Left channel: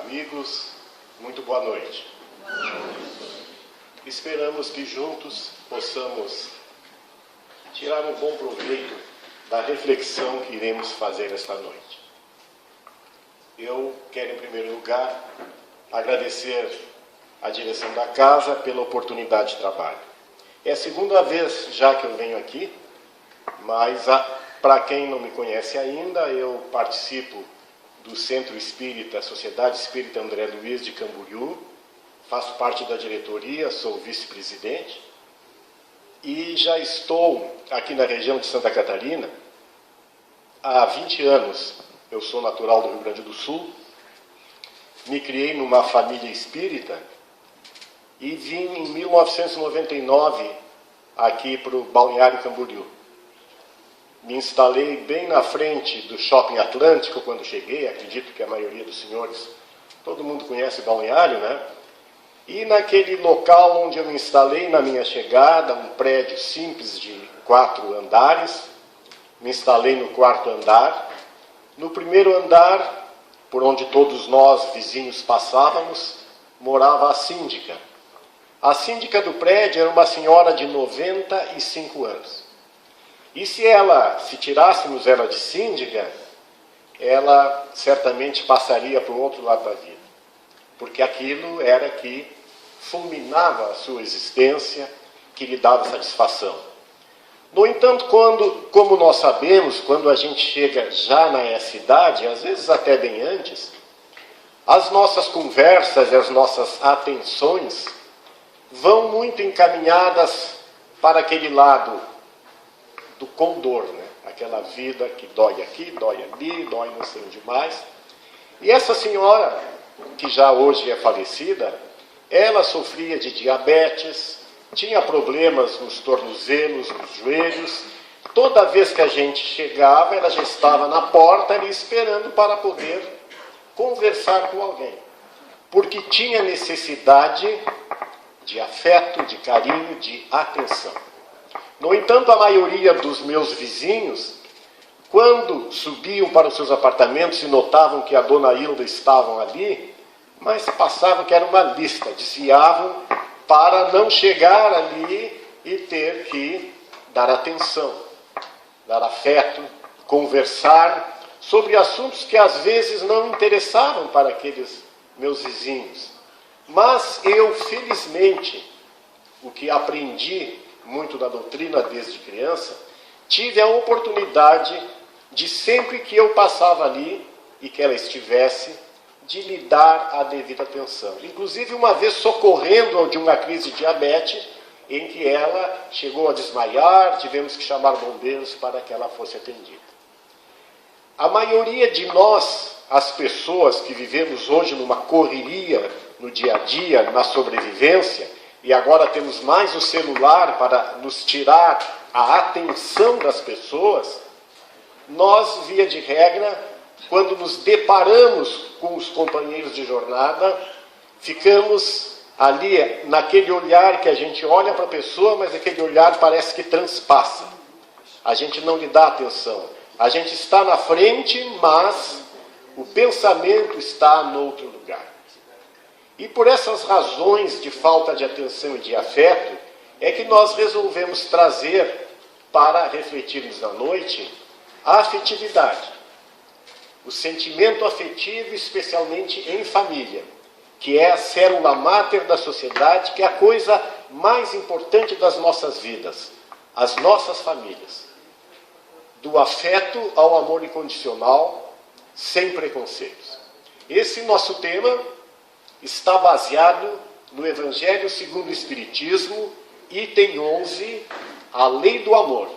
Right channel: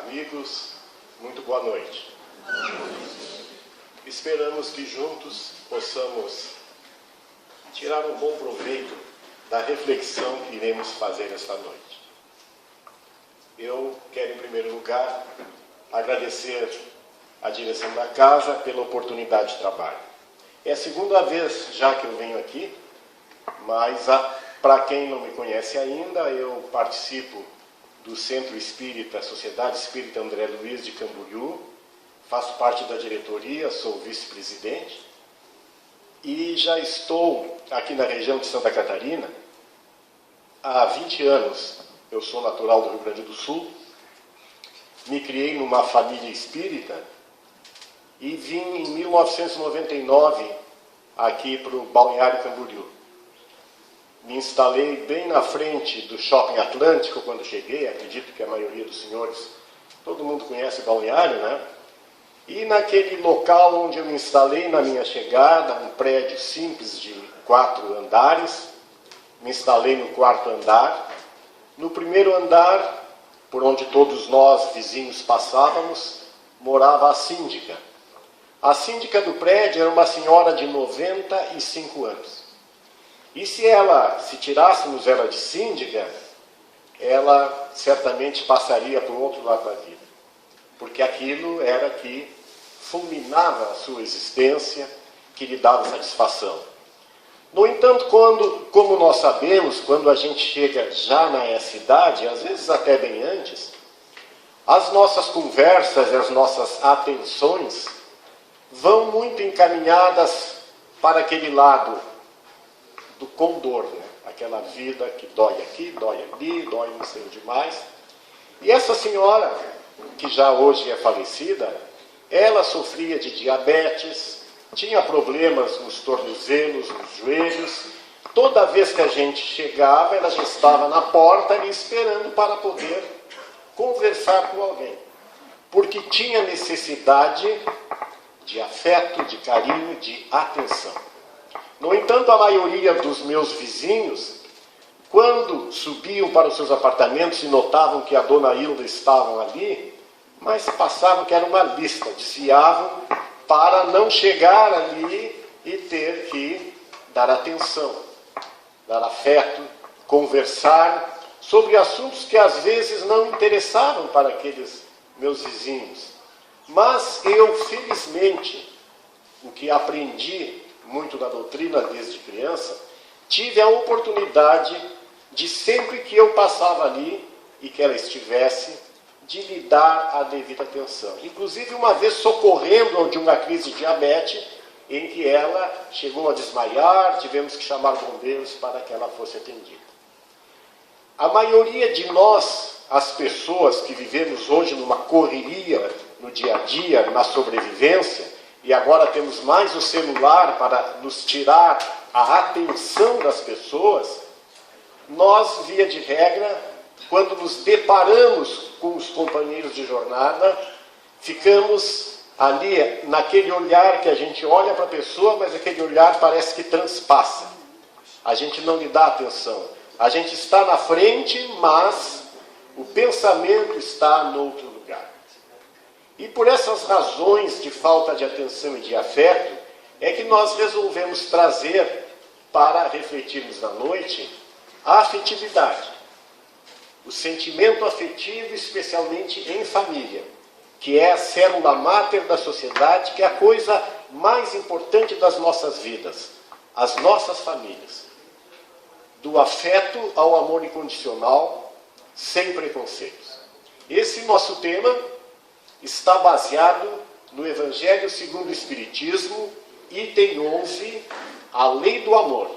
Amigos, muito boa noite. Esperamos que juntos possamos tirar um bom proveito da reflexão que iremos fazer esta noite. Eu quero, em primeiro lugar, agradecer à direção da casa pela oportunidade de trabalho. É a segunda vez já que eu venho aqui, mas para quem não me conhece ainda, eu participo do Centro Espírita, Sociedade Espírita André Luiz de Camboriú, faço parte da diretoria, sou vice-presidente e já estou aqui na região de Santa Catarina há 20 anos. Eu sou natural do Rio Grande do Sul, me criei numa família espírita e vim em 1999 aqui para o Balneário Camboriú. Me instalei bem na frente do Shopping Atlântico quando cheguei, acredito que a maioria dos senhores, todo mundo conhece Balneário, né? E naquele local onde eu me instalei na minha chegada, um prédio simples de 4 andares, me instalei no 4º andar. No primeiro andar, por onde todos nós, vizinhos, passávamos, morava a síndica. A síndica do prédio era uma senhora de 95 anos. E se tirássemos ela de síndica, ela certamente passaria para o outro lado da vida. Porque aquilo era que fulminava a sua existência, que lhe dava satisfação. No entanto, como nós sabemos, quando a gente chega já na idade, às vezes até bem antes, as nossas conversas e as nossas atenções vão muito encaminhadas para aquele lado do condor, né? Aquela vida que dói aqui, dói ali, dói não sei onde mais. E essa senhora, que já hoje é falecida, ela sofria de diabetes, tinha problemas nos tornozelos, nos joelhos. Toda vez que a gente chegava, ela já estava na porta ali esperando para poder conversar com alguém. Porque tinha necessidade de afeto, de carinho, de atenção. No entanto, a maioria dos meus vizinhos, quando subiam para os seus apartamentos e notavam que a dona Hilda estavam ali, mas passavam que era uma lista, desviavam para não chegar ali e ter que dar atenção, dar afeto, conversar sobre assuntos que às vezes não interessavam para aqueles meus vizinhos. Mas eu, felizmente, o que aprendi muito da doutrina desde criança, tive a oportunidade de, sempre que eu passava ali e que ela estivesse, de lhe dar a devida atenção. Inclusive, uma vez socorrendo de uma crise de diabetes, em que ela chegou a desmaiar, tivemos que chamar bombeiros para que ela fosse atendida. A maioria de nós, as pessoas que vivemos hoje numa correria no dia a dia, na sobrevivência, e agora temos mais o celular para nos tirar a atenção das pessoas, nós, via de regra, quando nos deparamos com os companheiros de jornada, ficamos ali naquele olhar que a gente olha para a pessoa, mas aquele olhar parece que transpassa. A gente não lhe dá atenção. A gente está na frente, mas o pensamento está no outro lugar. E por essas razões de falta de atenção e de afeto, é que nós resolvemos trazer, para refletirmos na noite, a afetividade. O sentimento afetivo, especialmente em família, que é a célula máter da sociedade, que é a coisa mais importante das nossas vidas, as nossas famílias. Do afeto ao amor incondicional, sem preconceitos. Esse nosso tema está baseado no Evangelho segundo o Espiritismo, item 11, a lei do amor.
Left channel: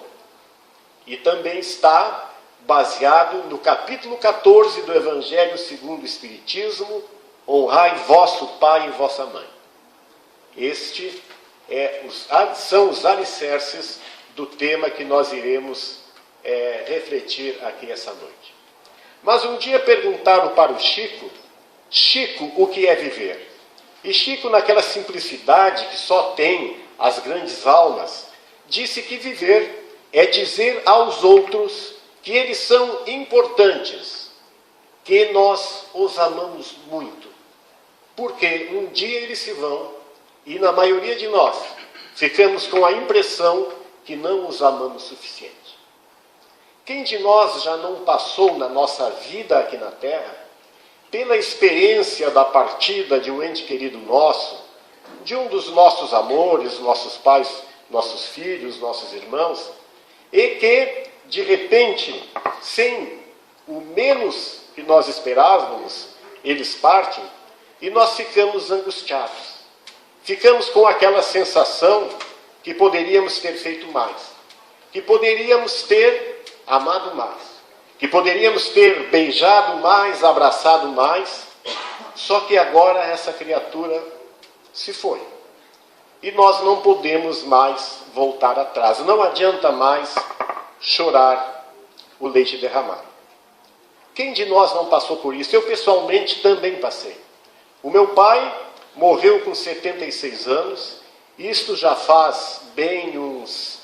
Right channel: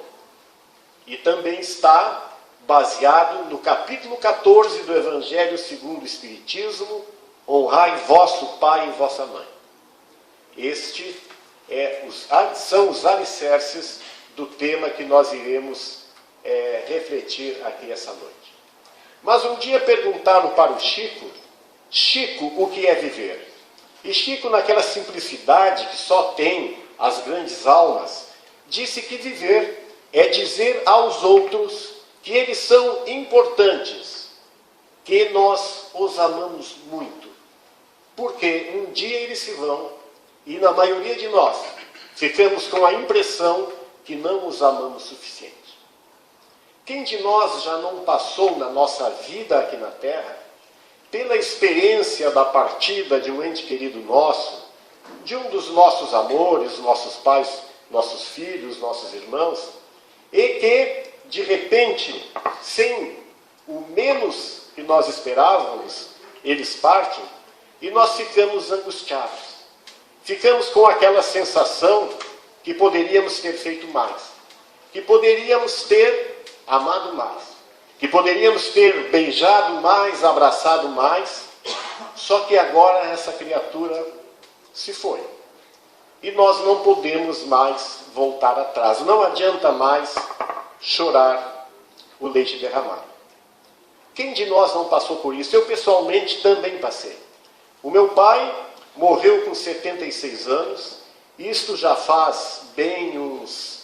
E também está baseado no capítulo 14 do Evangelho segundo o Espiritismo, honrai vosso pai e vossa mãe. Este são os alicerces do tema que nós iremos refletir aqui essa noite. Mas um dia perguntaram para o Chico, o que é viver? E Chico, naquela simplicidade que só tem as grandes almas, disse que viver é dizer aos outros que eles são importantes, que nós os amamos muito, porque um dia eles se vão e na maioria de nós ficamos com a impressão que não os amamos o suficiente. Quem de nós já não passou na nossa vida aqui na Terra pela experiência da partida de um ente querido nosso, de um dos nossos amores, nossos pais, nossos filhos, nossos irmãos, e que, de repente, sem o menos que nós esperávamos, eles partem, e nós ficamos angustiados. Ficamos com aquela sensação que poderíamos ter feito mais, que poderíamos ter amado mais, que poderíamos ter beijado mais, abraçado mais, só que agora essa criatura se foi. E nós não podemos mais voltar atrás. Não adianta mais chorar o leite derramado. Quem de nós não passou por isso? Eu pessoalmente também passei. O meu pai morreu com 76 anos, isto já faz bem uns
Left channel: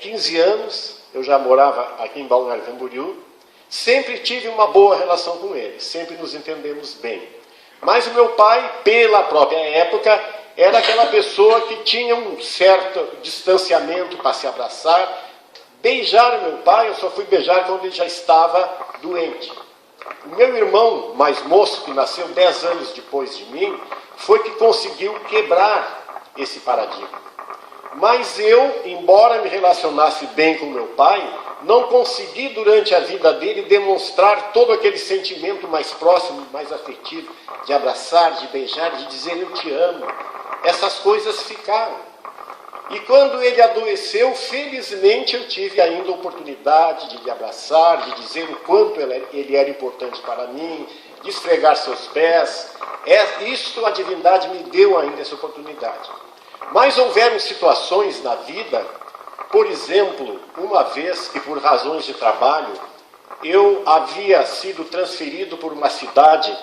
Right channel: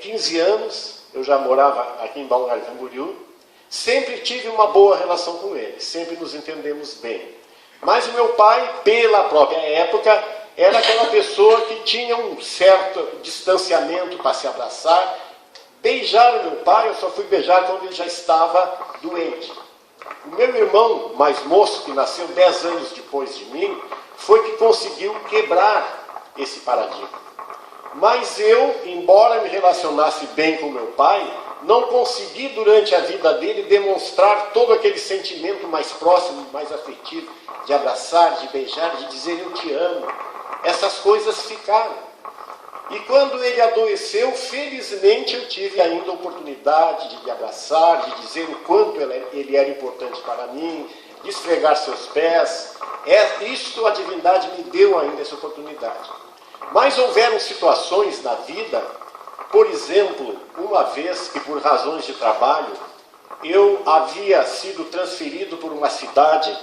15 anos, eu já morava aqui em Balneário Camboriú, sempre tive uma boa relação com ele, sempre nos entendemos bem. Mas o meu pai, pela própria época, era aquela pessoa que tinha um certo distanciamento para se abraçar. Beijar o meu pai, eu só fui beijar quando ele já estava doente. O meu irmão mais moço, que nasceu 10 anos depois de mim, foi que conseguiu quebrar esse paradigma. Mas eu, embora me relacionasse bem com meu pai, não consegui durante a vida dele demonstrar todo aquele sentimento mais próximo, mais afetivo, de abraçar, de beijar, de dizer eu te amo. Essas coisas ficaram. E quando ele adoeceu, felizmente eu tive ainda a oportunidade de lhe abraçar, de dizer o quanto ele era importante para mim, de esfregar seus pés. Isto a divindade me deu ainda essa oportunidade. Mas houveram situações na vida, por exemplo, uma vez que por razões de trabalho, eu havia sido transferido por uma cidade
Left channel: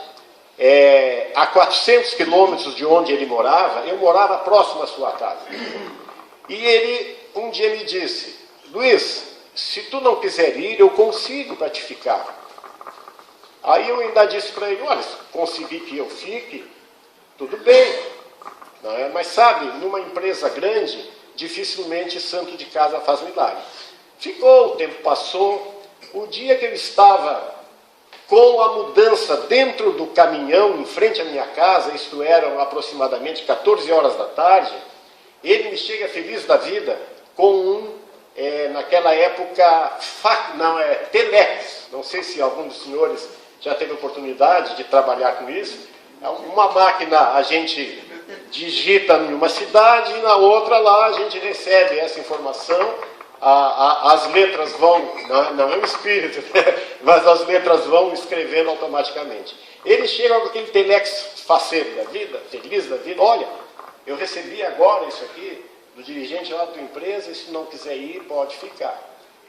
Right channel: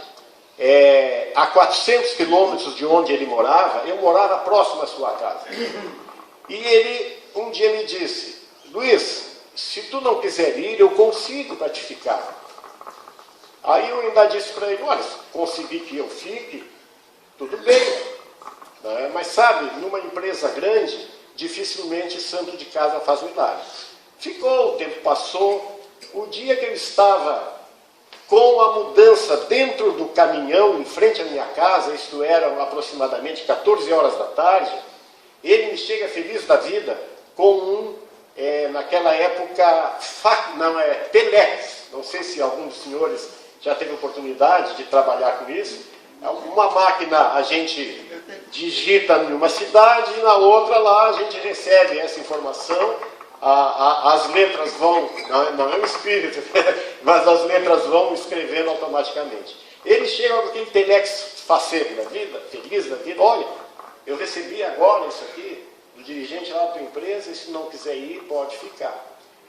a 400 quilômetros de onde ele morava, eu morava próximo à sua casa. E ele um dia me disse, Luiz, se tu não quiser ir, eu consigo para te ficar. Aí eu ainda disse para ele, olha, se conseguir que eu fique, tudo bem. Não é? Mas sabe, numa empresa grande, dificilmente santo de casa faz milagre. Ficou, o tempo passou. O dia que eu estava com a mudança dentro do caminhão, em frente à minha casa, isto eram aproximadamente 14 horas da tarde, ele me chega feliz da vida com naquela época, Telex. Não sei se algum dos senhores já teve oportunidade de trabalhar com isso. É uma máquina, a gente digita em uma cidade e na outra lá a gente recebe essa informação, as letras vão, não é um espírito, mas as letras vão escrevendo automaticamente. Ele chega com aquele telex faceiro da vida, feliz da vida, olha, eu recebi agora isso aqui do dirigente lá da tua empresa e se não quiser ir, pode ficar.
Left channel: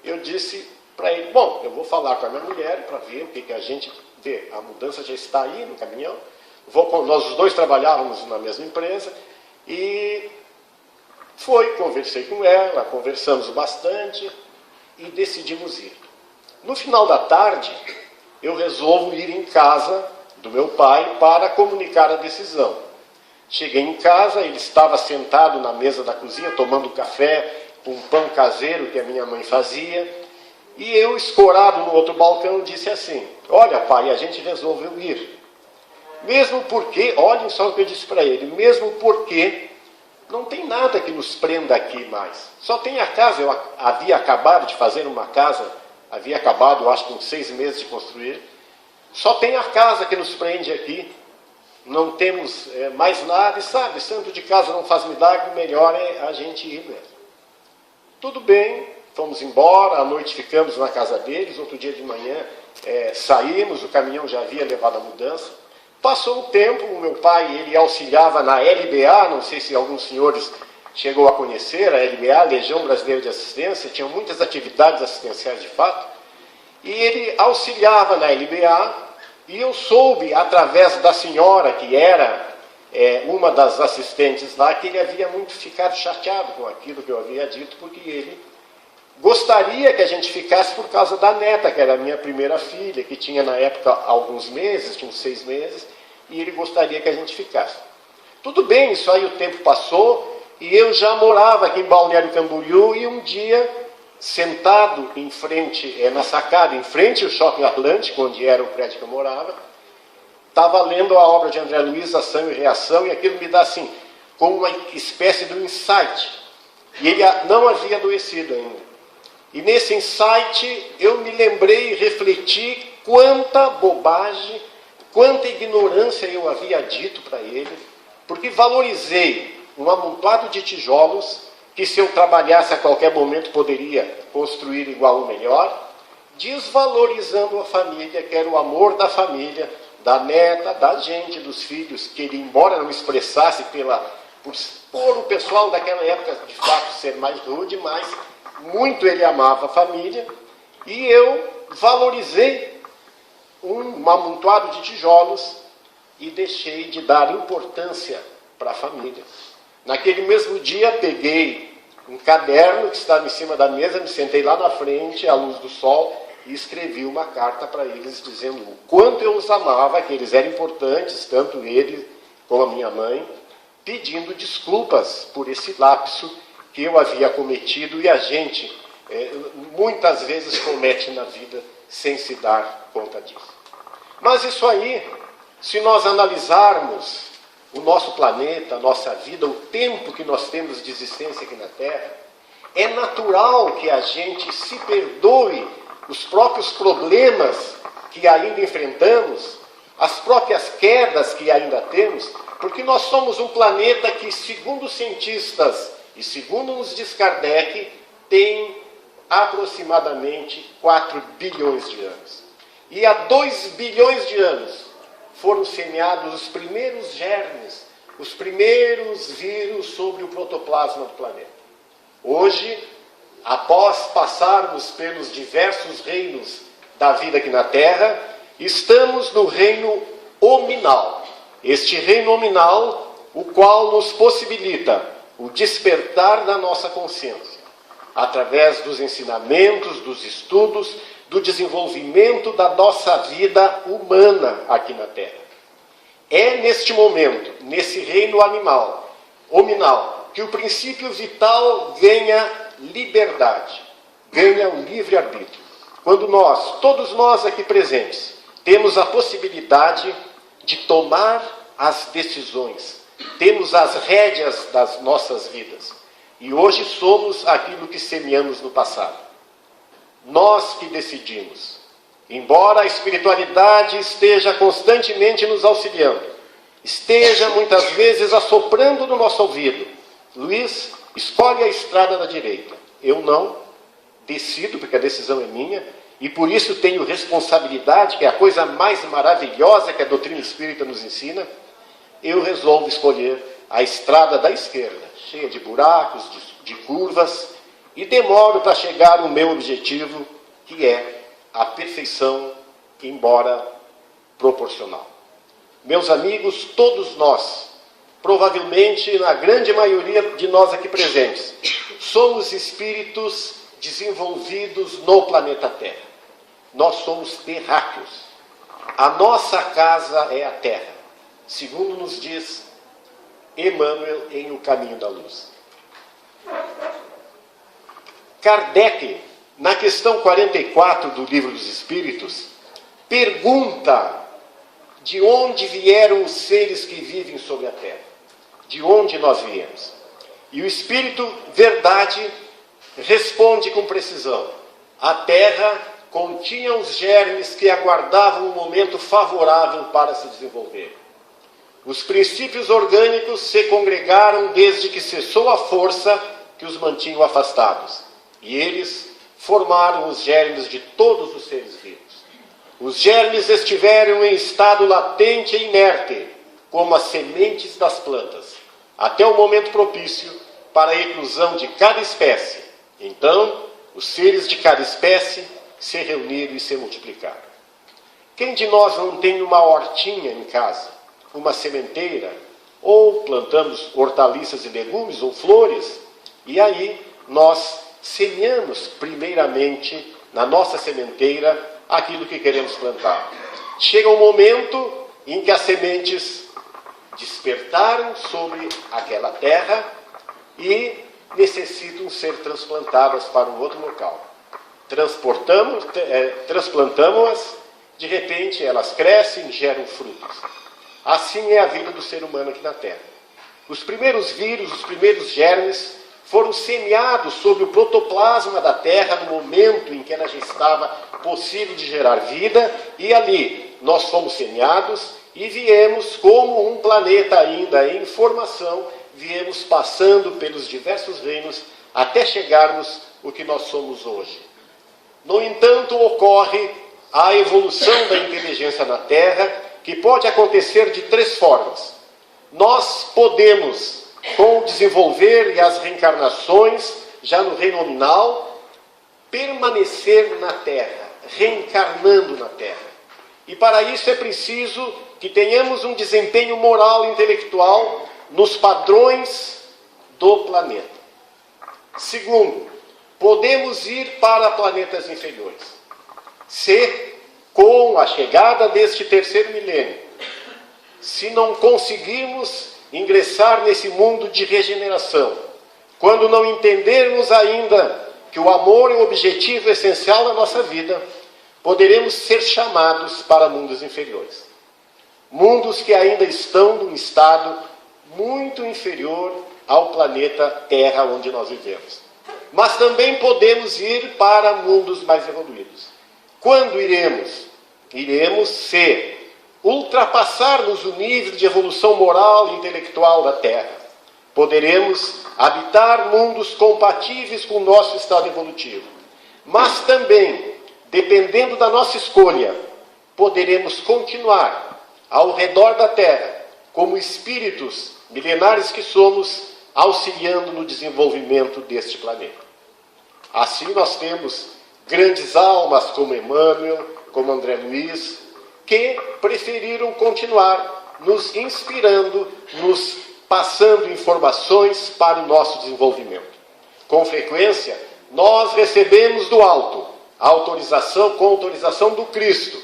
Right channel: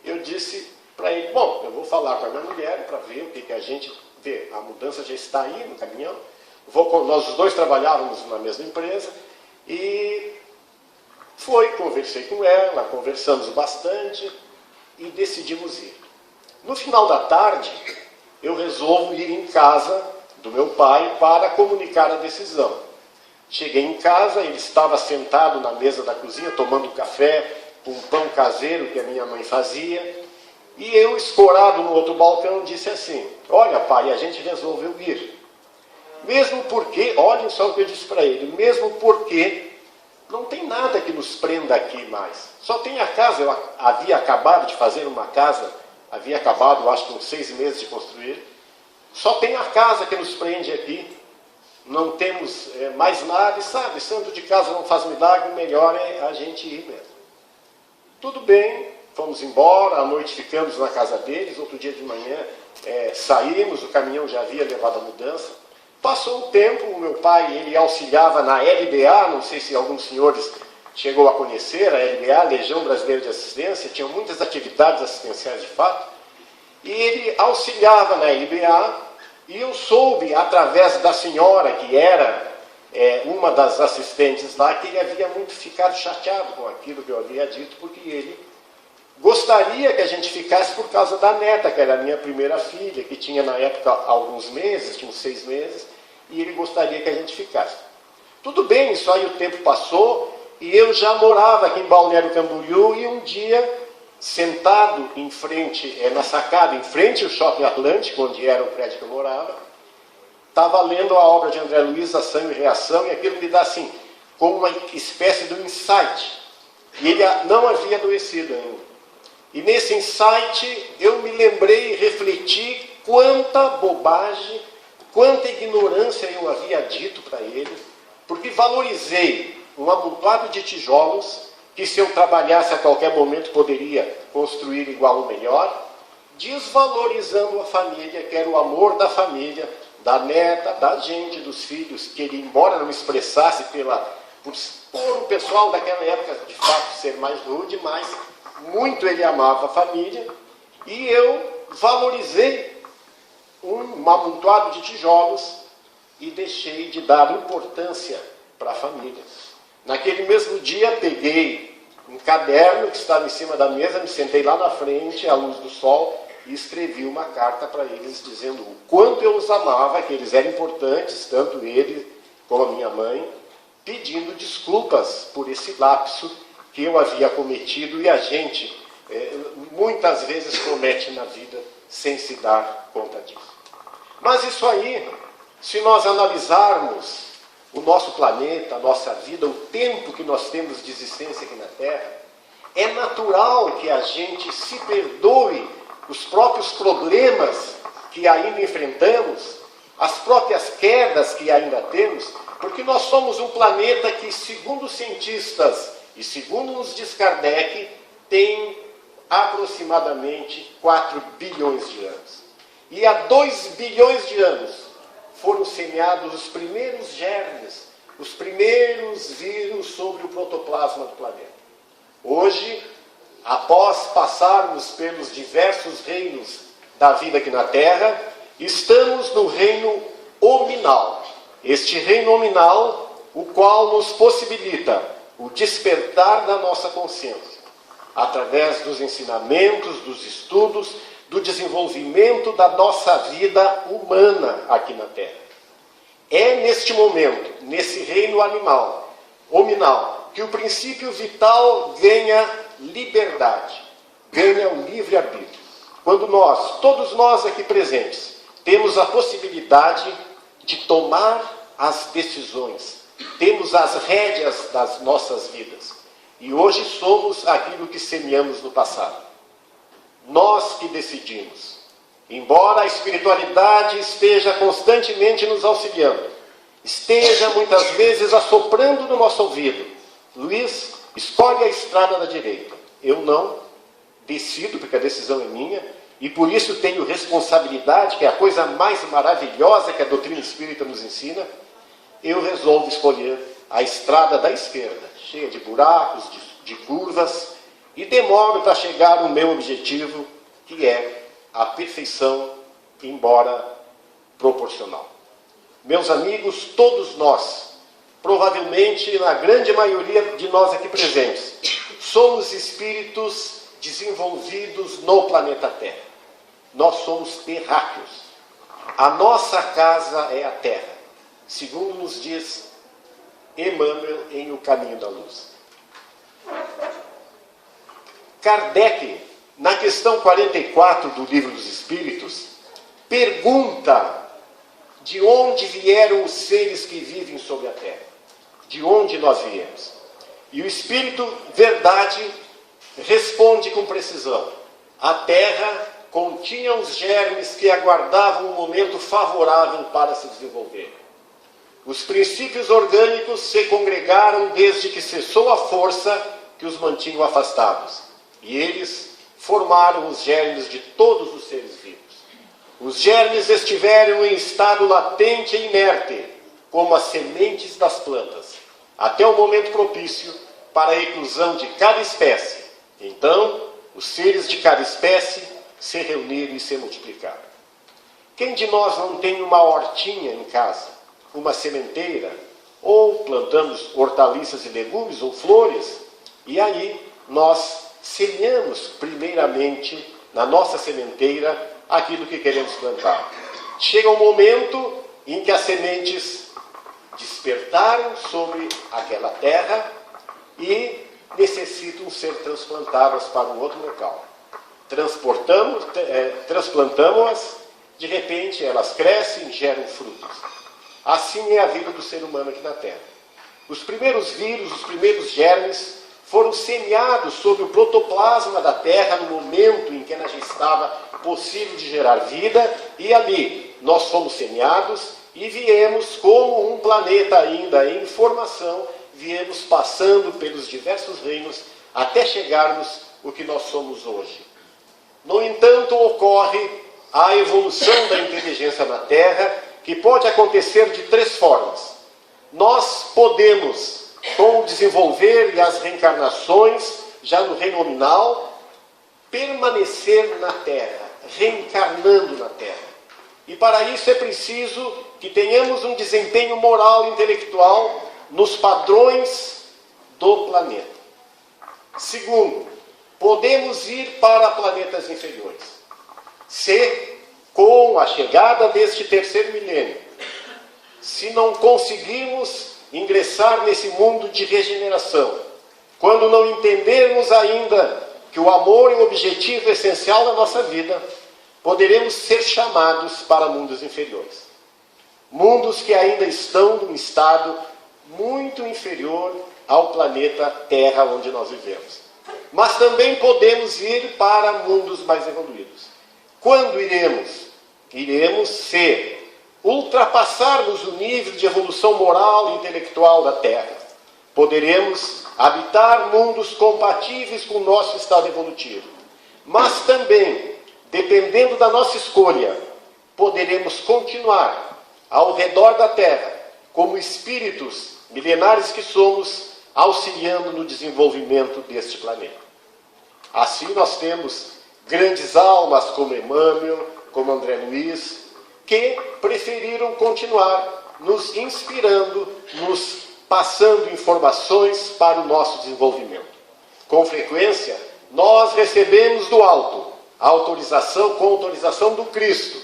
Eu disse para ele, bom, eu vou falar com a minha mulher para ver o que a gente vê. A mudança já está aí no caminhão. Nós os dois trabalhávamos na mesma empresa e conversei com ela, conversamos bastante e decidimos ir. No final da tarde, eu resolvo ir em casa do meu pai para comunicar a decisão. Cheguei em casa, ele estava sentado na mesa da cozinha, tomando café com pão caseiro que a minha mãe fazia, e eu, escorado no outro balcão, disse assim, olha pai, a gente resolveu ir. Mesmo porque, olhem só o que eu disse para ele, mesmo porque não tem nada que nos prenda aqui mais. Só tem a casa, eu havia acabado de fazer uma casa, havia acabado, acho que uns 6 meses de construir, só tem a casa que nos prende aqui, não temos mais nada, e sabe, santo de casa não faz milagre, melhor é a gente ir mesmo. Tudo bem, fomos embora, à noite ficamos na casa deles, outro dia de manhã saímos, o caminhão já havia levado a mudança. Passou o tempo, o meu pai, ele auxiliava na LBA, não sei se alguns senhores chegou a conhecer, a LBA, Legião Brasileira de Assistência, tinha muitas atividades assistenciais de fato, e ele auxiliava na LBA, e eu soube, através da senhora, que era uma das assistentes lá, que ele havia muito ficado chateado com aquilo que eu havia dito, porque ele gostaria que a gente ficasse por causa da neta, que era a minha primeira filha, que tinha na época alguns meses, tinha uns 6 meses, e ele gostaria que a gente ficasse. Tudo bem, isso aí o tempo passou, e eu já morava aqui em Balneário Camboriú, e um dia, sentado em frente, na sacada, em frente ao Shopping Atlântico, onde era o prédio que eu morava, estava lendo a obra de André Luiz, Ação e Reação, e aquilo me dá assim, como uma espécie de um insight. E ele não havia adoecido ainda. E nesse insight eu me lembrei e refleti quanta bobagem, quanta ignorância eu havia dito para ele, porque valorizei um amontoado de tijolos que, se eu trabalhasse a qualquer momento, poderia construir igual ou melhor, desvalorizando a família, que era o amor da família, da neta, da gente, dos filhos, que ele, embora não expressasse por o pessoal daquela época, de fato, ser mais rude, mas muito ele amava a família, e eu valorizei um amontoado de tijolos e deixei de dar importância para a família. Naquele mesmo dia, peguei um caderno que estava em cima da mesa, me sentei lá na frente, à luz do sol, e escrevi uma carta para eles, dizendo o quanto eu os amava, que eles eram importantes, tanto ele como a minha mãe, pedindo desculpas por esse lapso que eu havia cometido, e a gente muitas vezes comete na vida sem se dar conta disso. Mas isso aí, se nós analisarmos o nosso planeta, a nossa vida, o tempo que nós temos de existência aqui na Terra, é natural que a gente se perdoe os próprios problemas que ainda enfrentamos, as próprias quedas que ainda temos, porque nós somos um planeta que, segundo os cientistas e segundo nos diz Kardec, tem aproximadamente 4 bilhões de anos. E há 2 bilhões de anos foram semeados os primeiros germes, os primeiros vírus sobre o protoplasma do planeta. Hoje, após passarmos pelos diversos reinos da vida aqui na Terra, estamos no reino hominal. Este reino hominal, o qual nos possibilita o despertar da nossa consciência, através dos ensinamentos, dos estudos, do desenvolvimento da nossa vida humana aqui na Terra. É neste momento, nesse reino animal, hominal, que o princípio vital ganha liberdade, ganha o livre-arbítrio. Quando nós, todos nós aqui presentes, temos a possibilidade de tomar as decisões, temos as rédeas das nossas vidas. E hoje somos aquilo que semeamos no passado. Nós que decidimos. Embora a espiritualidade esteja constantemente nos auxiliando, esteja muitas vezes assoprando no nosso ouvido: Luiz, escolhe a estrada da direita. Eu não decido, porque a decisão é minha, e por isso tenho responsabilidade, que é a coisa mais maravilhosa que a doutrina espírita nos ensina. Eu resolvo escolher a estrada da esquerda, cheia de buracos, de curvas, e demoro para chegar no meu objetivo, que é a perfeição, embora proporcional. Meus amigos, todos nós, provavelmente na grande maioria de nós aqui presentes, somos espíritos desenvolvidos no planeta Terra. Nós somos terráqueos. A nossa casa é a Terra, segundo nos diz Emmanuel em O Caminho da Luz. Kardec, na questão 44 do Livro dos Espíritos, pergunta de onde vieram os seres que vivem sobre a Terra. De onde nós viemos? E o Espírito Verdade responde com precisão: a Terra continha os germes que aguardavam um momento favorável para se desenvolver. Os princípios orgânicos se congregaram desde que cessou a força que os mantinha afastados. E eles formaram os germes de todos os seres vivos. Os germes estiveram em estado latente e inerte, como as sementes das plantas, até o momento propício para a eclosão de cada espécie. Então, os seres de cada espécie se reuniram e se multiplicaram. Quem de nós não tem uma hortinha em casa, uma sementeira, ou plantamos hortaliças e legumes ou flores, e aí nós semeamos primeiramente na nossa sementeira aquilo que queremos plantar. Chega um momento em que as sementes despertaram sobre aquela terra e necessitam ser transplantadas para um outro local. Transplantamos-as, de repente elas crescem e geram frutos. Assim é a vida do ser humano aqui na Terra. Os primeiros vírus, os primeiros germes foram semeados sobre o protoplasma da Terra no momento em que ela já estava possível de gerar vida, e ali nós fomos semeados e viemos como um planeta ainda em formação, viemos passando pelos diversos reinos até chegarmos o que nós somos hoje. No entanto, ocorre a evolução da inteligência na Terra, que pode acontecer de três formas. Nós podemos, com o desenvolver e as reencarnações, já no reino nominal, permanecer na Terra, reencarnando na Terra. E para isso é preciso que tenhamos um desempenho moral e intelectual nos padrões do planeta. Segundo, podemos ir para planetas inferiores. Se, com a chegada deste terceiro milênio, se não conseguirmos ingressar nesse mundo de regeneração, quando não entendermos ainda que o amor é o objetivo essencial da nossa vida, poderemos ser chamados para mundos inferiores. Mundos que ainda estão num estado muito inferior ao planeta Terra onde nós vivemos. Mas também podemos ir para mundos mais evoluídos. Quando iremos? Iremos se ultrapassarmos o nível de evolução moral e intelectual da Terra. Poderemos habitar mundos compatíveis com o nosso estado evolutivo. Mas também, dependendo da nossa escolha, poderemos continuar ao redor da Terra, como espíritos milenares que somos, auxiliando no desenvolvimento deste planeta. Assim nós temos grandes almas como Emmanuel, como André Luiz, que preferiram continuar nos inspirando, nos passando informações para o nosso desenvolvimento. Com frequência, nós recebemos do alto a autorização, com autorização do Cristo,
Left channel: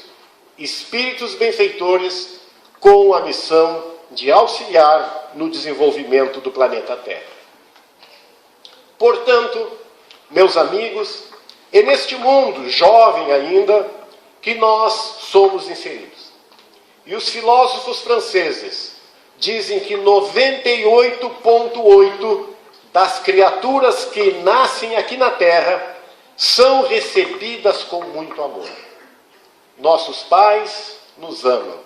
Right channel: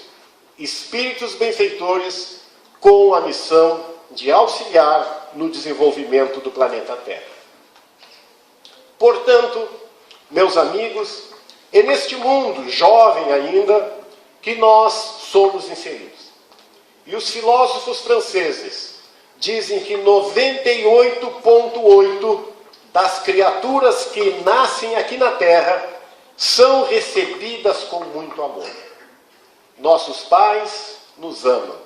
espíritos benfeitores com a missão de auxiliar no desenvolvimento do planeta Terra. Portanto, meus amigos, é neste mundo jovem ainda que nós somos inseridos. E os filósofos franceses dizem que 98,8% das criaturas que nascem aqui na Terra são recebidas com muito amor. Nossos pais nos amam.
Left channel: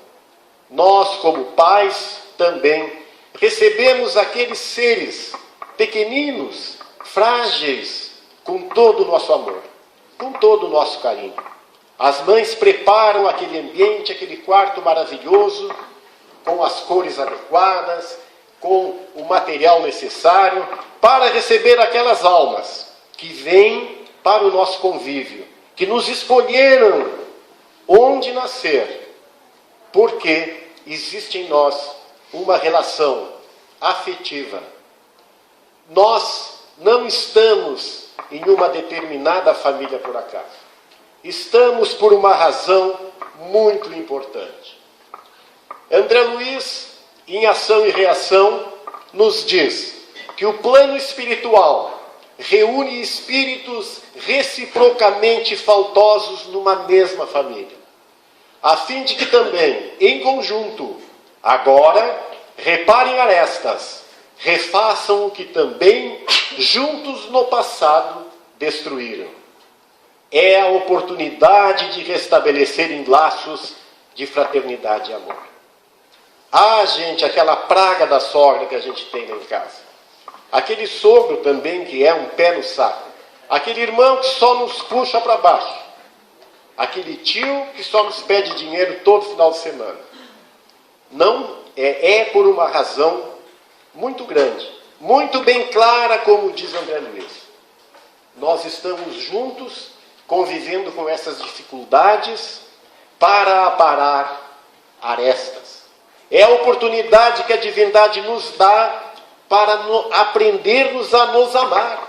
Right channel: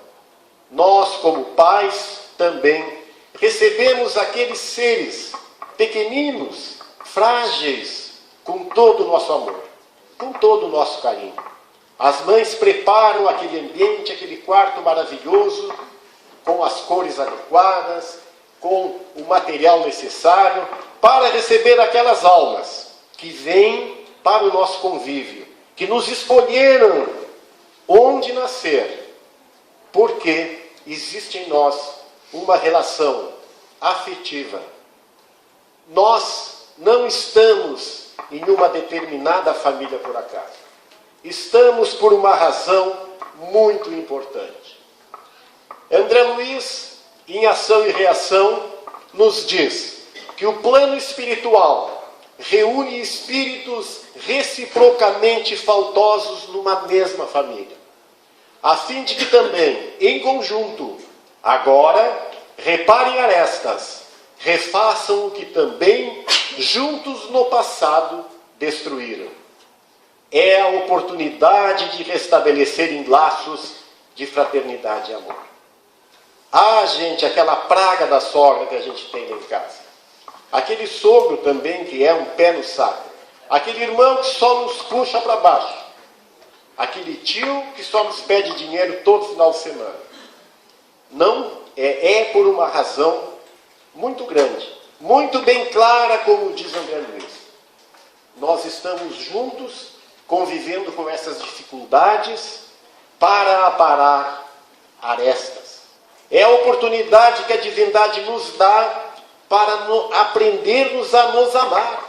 Nós, como pais, também recebemos aqueles seres pequeninos, frágeis, com todo o nosso amor, com todo o nosso carinho. As mães preparam aquele ambiente, aquele quarto maravilhoso, com as cores adequadas, com o material necessário, para receber aquelas almas que vêm para o nosso convívio, que nos escolheram onde nascer, porque existe em nós uma relação afetiva. Nós não estamos em uma determinada família por acaso. Estamos por uma razão muito importante. André Luiz, em Ação e Reação, nos diz que o plano espiritual reúne espíritos reciprocamente faltosos numa mesma família, a fim de que também, em conjunto, agora, reparem arestas, refaçam o que também, juntos no passado, destruíram. É a oportunidade de restabelecerem laços de fraternidade e amor. Ah, gente, aquela praga da sogra que a gente tem lá em casa. Aquele sogro também que é um pé no saco. Aquele irmão que só nos puxa para baixo. Aquele tio que só nos pede dinheiro todo final de semana. Não é por uma razão muito grande, muito bem clara, como diz André Luiz. Nós estamos juntos, convivendo com essas dificuldades para aparar arestas. É a oportunidade que a divindade nos dá para aprendermos a nos amar.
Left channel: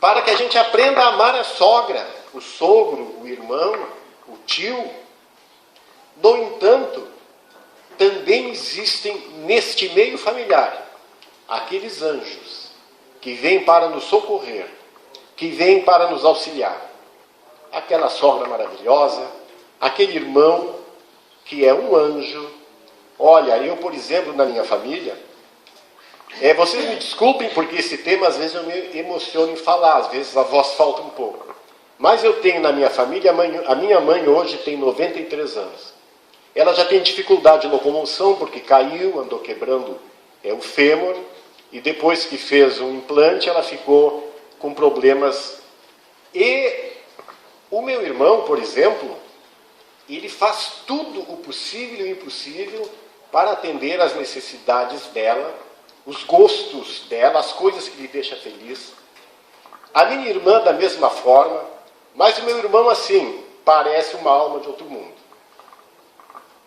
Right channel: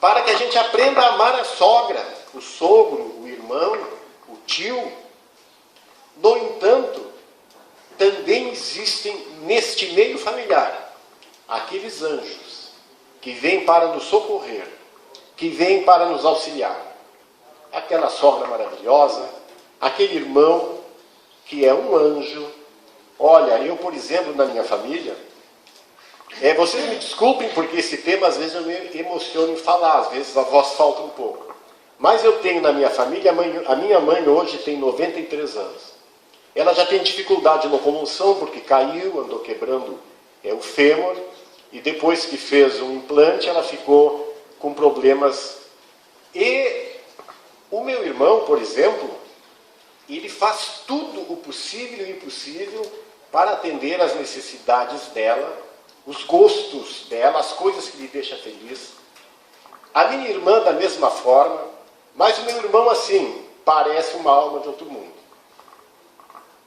para que a gente aprenda a amar a sogra, o sogro, o irmão, o tio. No entanto, também existem neste meio familiar aqueles anjos que vêm para nos socorrer, que vêm para nos auxiliar. Aquela sogra maravilhosa, aquele irmão que é um anjo. Olha, eu, por exemplo, na minha família, vocês me desculpem porque esse tema às vezes eu me emociono em falar, às vezes a voz falta um pouco. Mas eu tenho na minha família, a minha mãe hoje tem 93 anos. Ela já tem dificuldade de locomoção porque caiu, andou quebrando o fêmur, e depois que fez um implante ela ficou com problemas. E o meu irmão, por exemplo, ele faz tudo o possível e o impossível para atender às necessidades dela, os gostos dela, as coisas que lhe deixam feliz. A minha irmã da mesma forma, mas o meu irmão, assim, parece uma alma de outro mundo.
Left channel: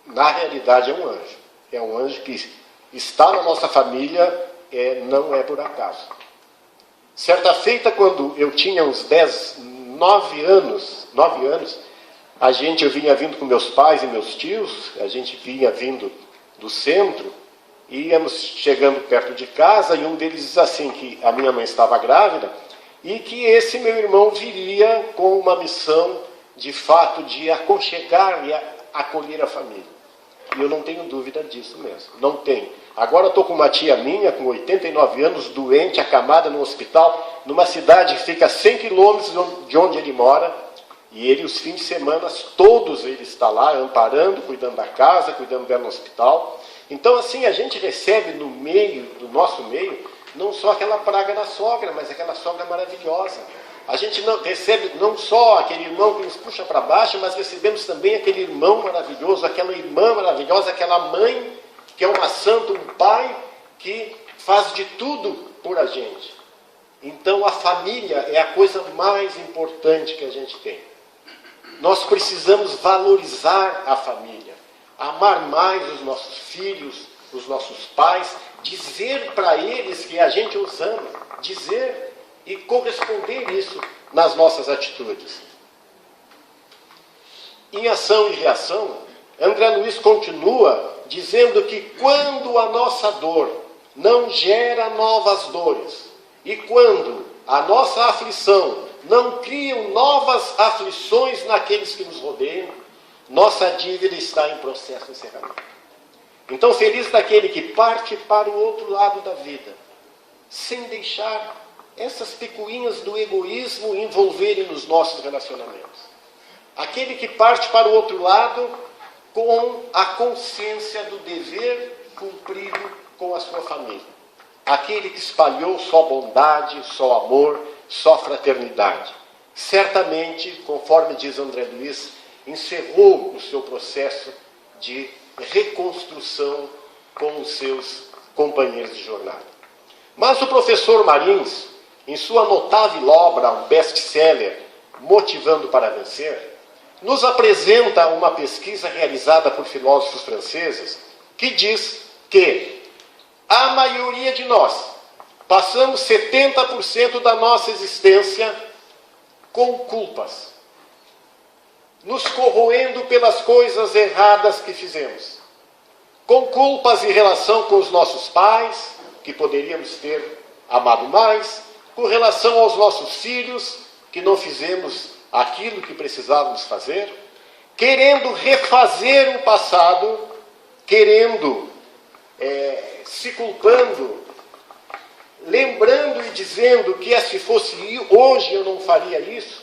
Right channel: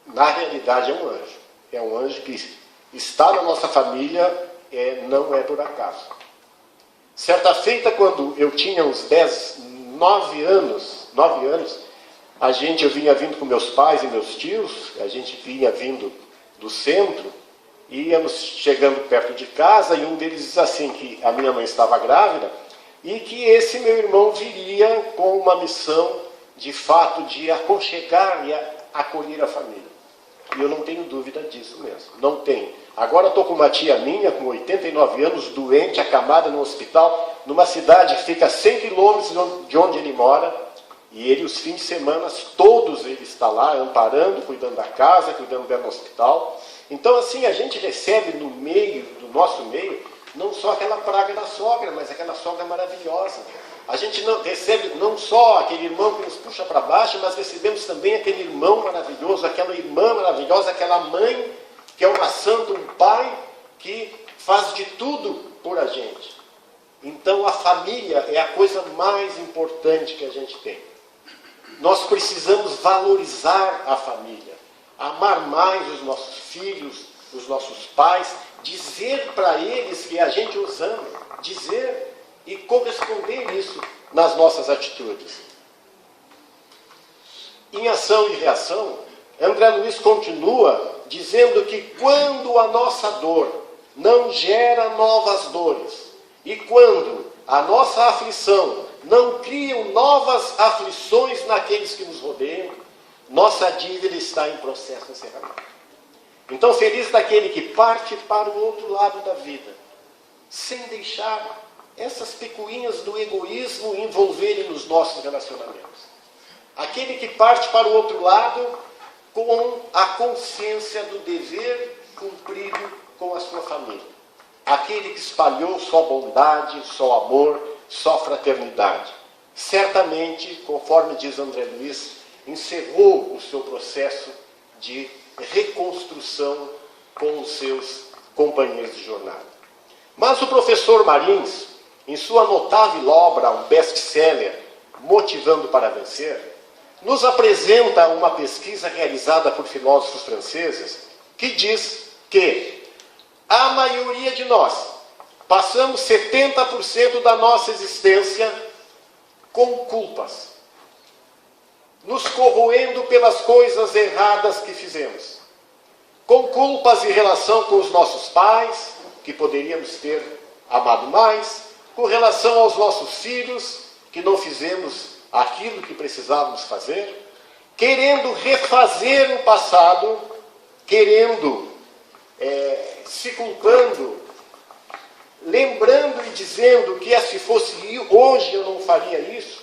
Na realidade é um anjo. É um anjo que está na nossa família, não é por acaso. Certa feita, quando eu tinha uns 9 anos, eu vinha vindo com meus pais e meus tios, a gente vinha vindo do centro, e íamos chegando perto de casa, e um deles diz assim, que a minha mãe estava grávida, e que esse meu irmão viria com uma missão, de fato, de aconchegar e acolher a família. E eu não tenho dúvida disso mesmo, não tenho. Agora estou com uma tia minha, com 89 anos, doente, acamada no hospital, numa cidade que fica a 100 quilômetros de onde ele mora, e ele, os fins de semana, todos ele está lá, amparando, cuidando da casa, cuidando dela no hospital. Então, assim, a gente recebe no meio, do nosso meio, não só aquela praga da sogra, mas aquela sogra maravilhosa. A gente não recebe não só aquele irmão que nos puxa para baixo, mas recebemos também aquele irmão maravilhoso, aquela irmã maravilhosa, aquela mãe que é uma santa, um pai que faz de tudo por a gente. Então a família é a coisa mais importante que a gente tem. Nós precisamos valorizar a família, amar mais os nossos filhos, os nossos pais, dizer para eles que a gente os ama, dizer e corresponder isso nas nossas atitudes. Em Ação e Reação, André Luiz continua dizendo que quando a nossa dor não gera novas dores, e quando a nossa aflição não cria novas aflições naqueles que nos rodeiam, nossa dívida está em processo de encerramento. Então, feliz daquele que parte para o outro lado da vida, sem deixar essas picuinhas do egoísmo envolverem nos nossos relacionamentos. Aquele que parte para o outro lado com a consciência do dever cumprido com a sua família. Aquele que espalhou só bondade, só amor, só fraternidade. Certamente, conforme diz André Luiz, encerrou o seu processo de reconstrução com os seus companheiros de jornada. Mas o professor Marins, em sua notável obra, um best-seller, Motivando para Vencer, nos apresenta uma pesquisa realizada por filósofos franceses que diz que a maioria de nós passamos 70% da nossa existência com culpas, nos corroendo pelas coisas erradas que fizemos, com culpas em relação com os nossos pais, que poderíamos ter amado mais, com relação aos nossos filhos, que não fizemos aquilo que precisávamos fazer, querendo refazer o passado, querendo, se culpando, lembrando e dizendo que se fosse hoje eu não faria isso.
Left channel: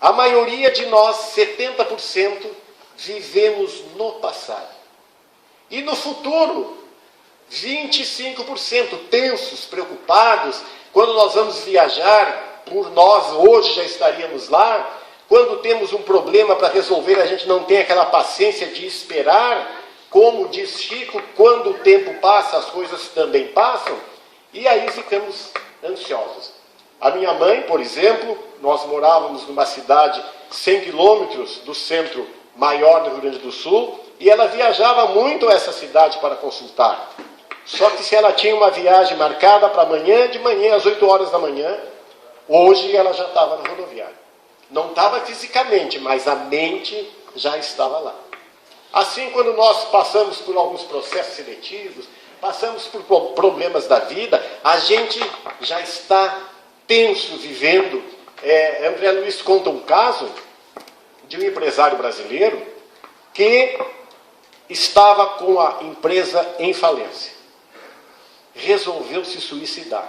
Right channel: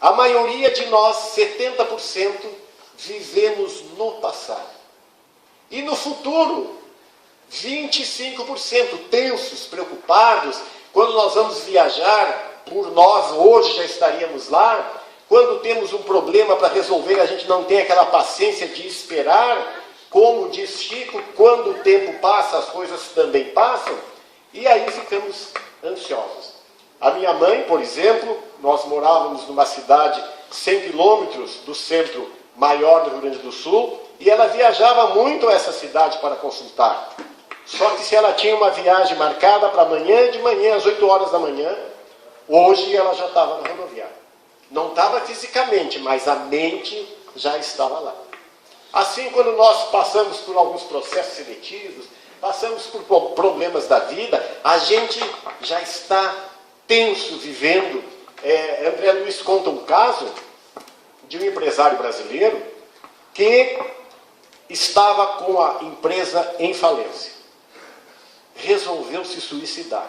A maioria de nós, 70%, vivemos no passado. E no futuro, 25% tensos, preocupados. Quando nós vamos viajar, por nós hoje já estaríamos lá. Quando temos um problema para resolver, a gente não tem aquela paciência de esperar. Como diz Chico, quando o tempo passa, as coisas também passam. E aí ficamos ansiosos. A minha mãe, por exemplo, nós morávamos numa cidade 100 quilômetros do centro maior do Rio Grande do Sul, e ela viajava muito a essa cidade para consultar. Só que se ela tinha uma viagem marcada para amanhã, de manhã, às 8 horas da manhã, Hoje ela já estava na rodoviária. Não estava fisicamente, mas a mente já estava lá. Assim, quando nós passamos por alguns processos seletivos, passamos por problemas da vida, a gente já está tenso, vivendo. André Luiz conta um caso de um empresário brasileiro que estava com a empresa em falência. Resolveu se suicidar.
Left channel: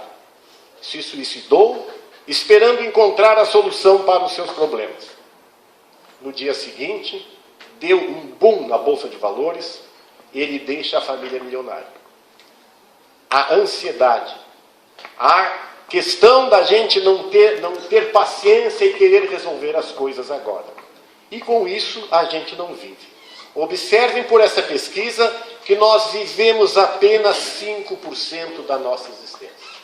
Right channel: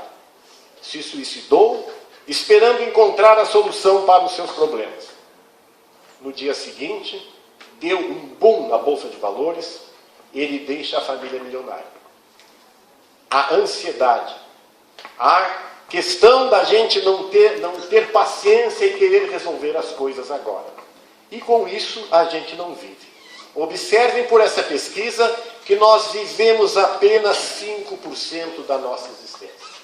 Se suicidou, esperando encontrar a solução para os seus problemas. No dia seguinte, deu um boom na Bolsa de Valores, ele deixa a família milionária. A ansiedade, a questão da gente não ter paciência e querer resolver as coisas agora. E com isso a gente não vive. Observem por essa pesquisa que nós vivemos apenas 5% da nossa existência.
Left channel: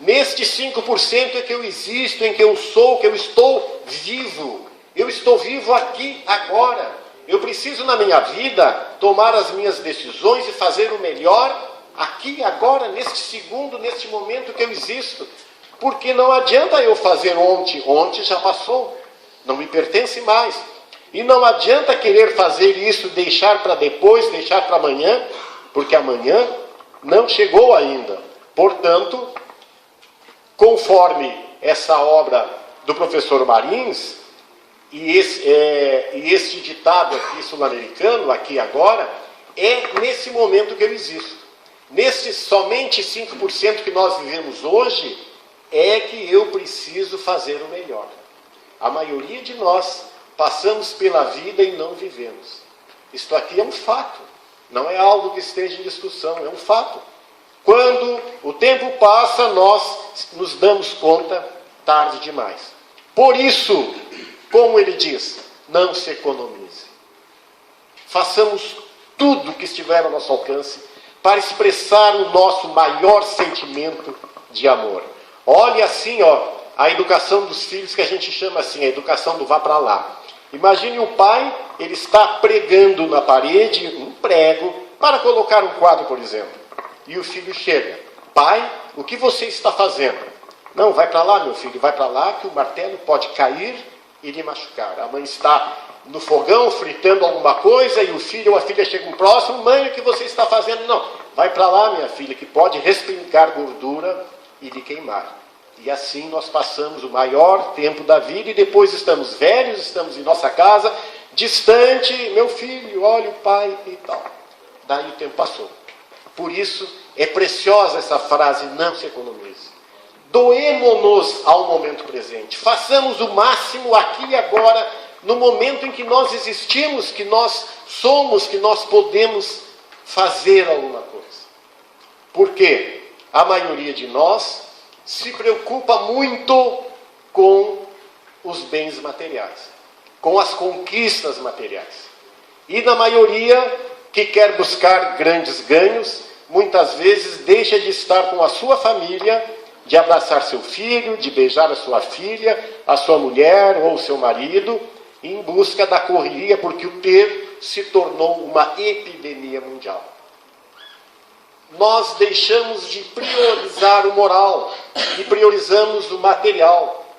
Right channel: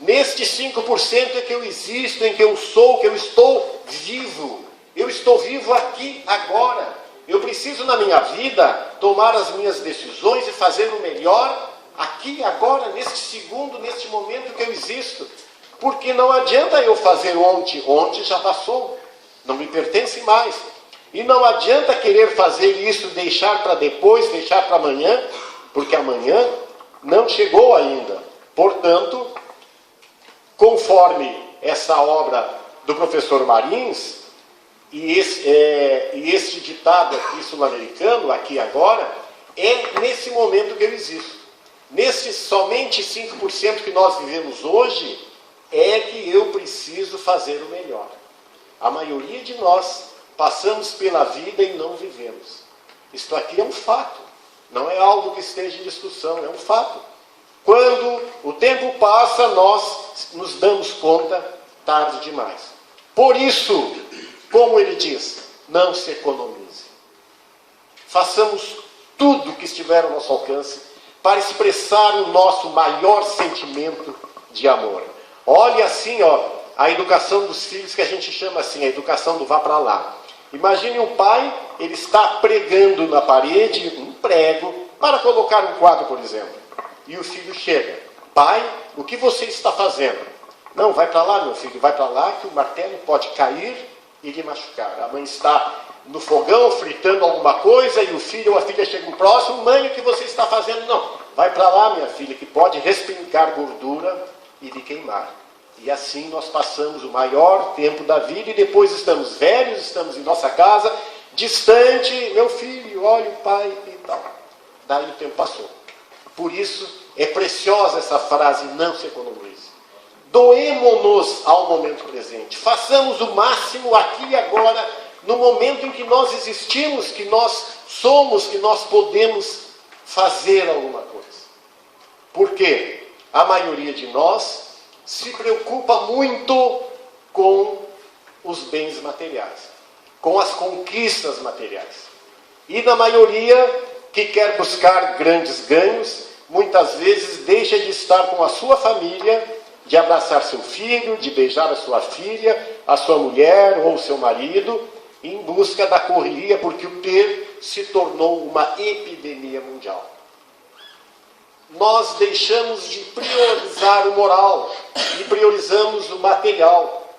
Neste 5% é que eu existo, em que eu sou, que eu estou vivo. Eu estou vivo aqui, agora. Eu preciso, na minha vida, tomar as minhas decisões e fazer o melhor aqui, agora, neste segundo, neste momento que eu existo. Porque não adianta eu fazer ontem. Ontem já passou. Não me pertence mais. E não adianta querer fazer isso, deixar para depois, deixar para amanhã, porque amanhã não chegou ainda. Portanto, conforme essa obra do professor Marins, e este ditado aqui sul-americano, aqui agora, é nesse momento que eu existo. Nesse somente 5% que nós vivemos hoje, é que eu preciso fazer o melhor. A maioria de nós passamos pela vida e não vivemos. Isto aqui é um fato, não é algo que esteja em discussão, é um fato. Quando o tempo passa, nós nos damos conta tarde demais. Por isso, como ele diz, não se economize. Façamos tudo que estiver ao nosso alcance para expressar o nosso maior sentimento de amor. Olhe assim, a educação dos filhos, que a gente chama assim, a educação do vá para lá. Imagine o pai, ele está pregando na parede um prego para colocar um quadro, por exemplo. E o filho chega. Pai, o que você está fazendo? Não, vai para lá, meu filho, vai para lá que o martelo pode cair e lhe machucar. A mãe está no fogão fritando alguma coisa e o filho ou a filha chegam próximo. Mãe, o que você está fazendo? Não, vai para lá, minha filha, que pode respingar gordura e lhe queimar. E assim nós passamos o maior tempo da vida e depois estamos velhos, estamos em nossa casa, distante, meu filho, olha o pai e tal. Daí o tempo passou. Por isso é preciosa essa frase, não se economize. Doemo-nos ao momento presente. Façamos o máximo aqui e agora, no momento em que nós existimos, que nós somos, que nós podemos fazer alguma coisa. Por quê? A maioria de nós se preocupa muito com os bens materiais, com as conquistas materiais. E na maioria que quer buscar grandes ganhos, muitas vezes deixa de estar com a sua família, de abraçar seu filho, de beijar a sua filha, a sua mulher ou seu marido, em busca da correria, porque o ter se tornou uma epidemia mundial. Nós deixamos de priorizar o moral e priorizamos o material.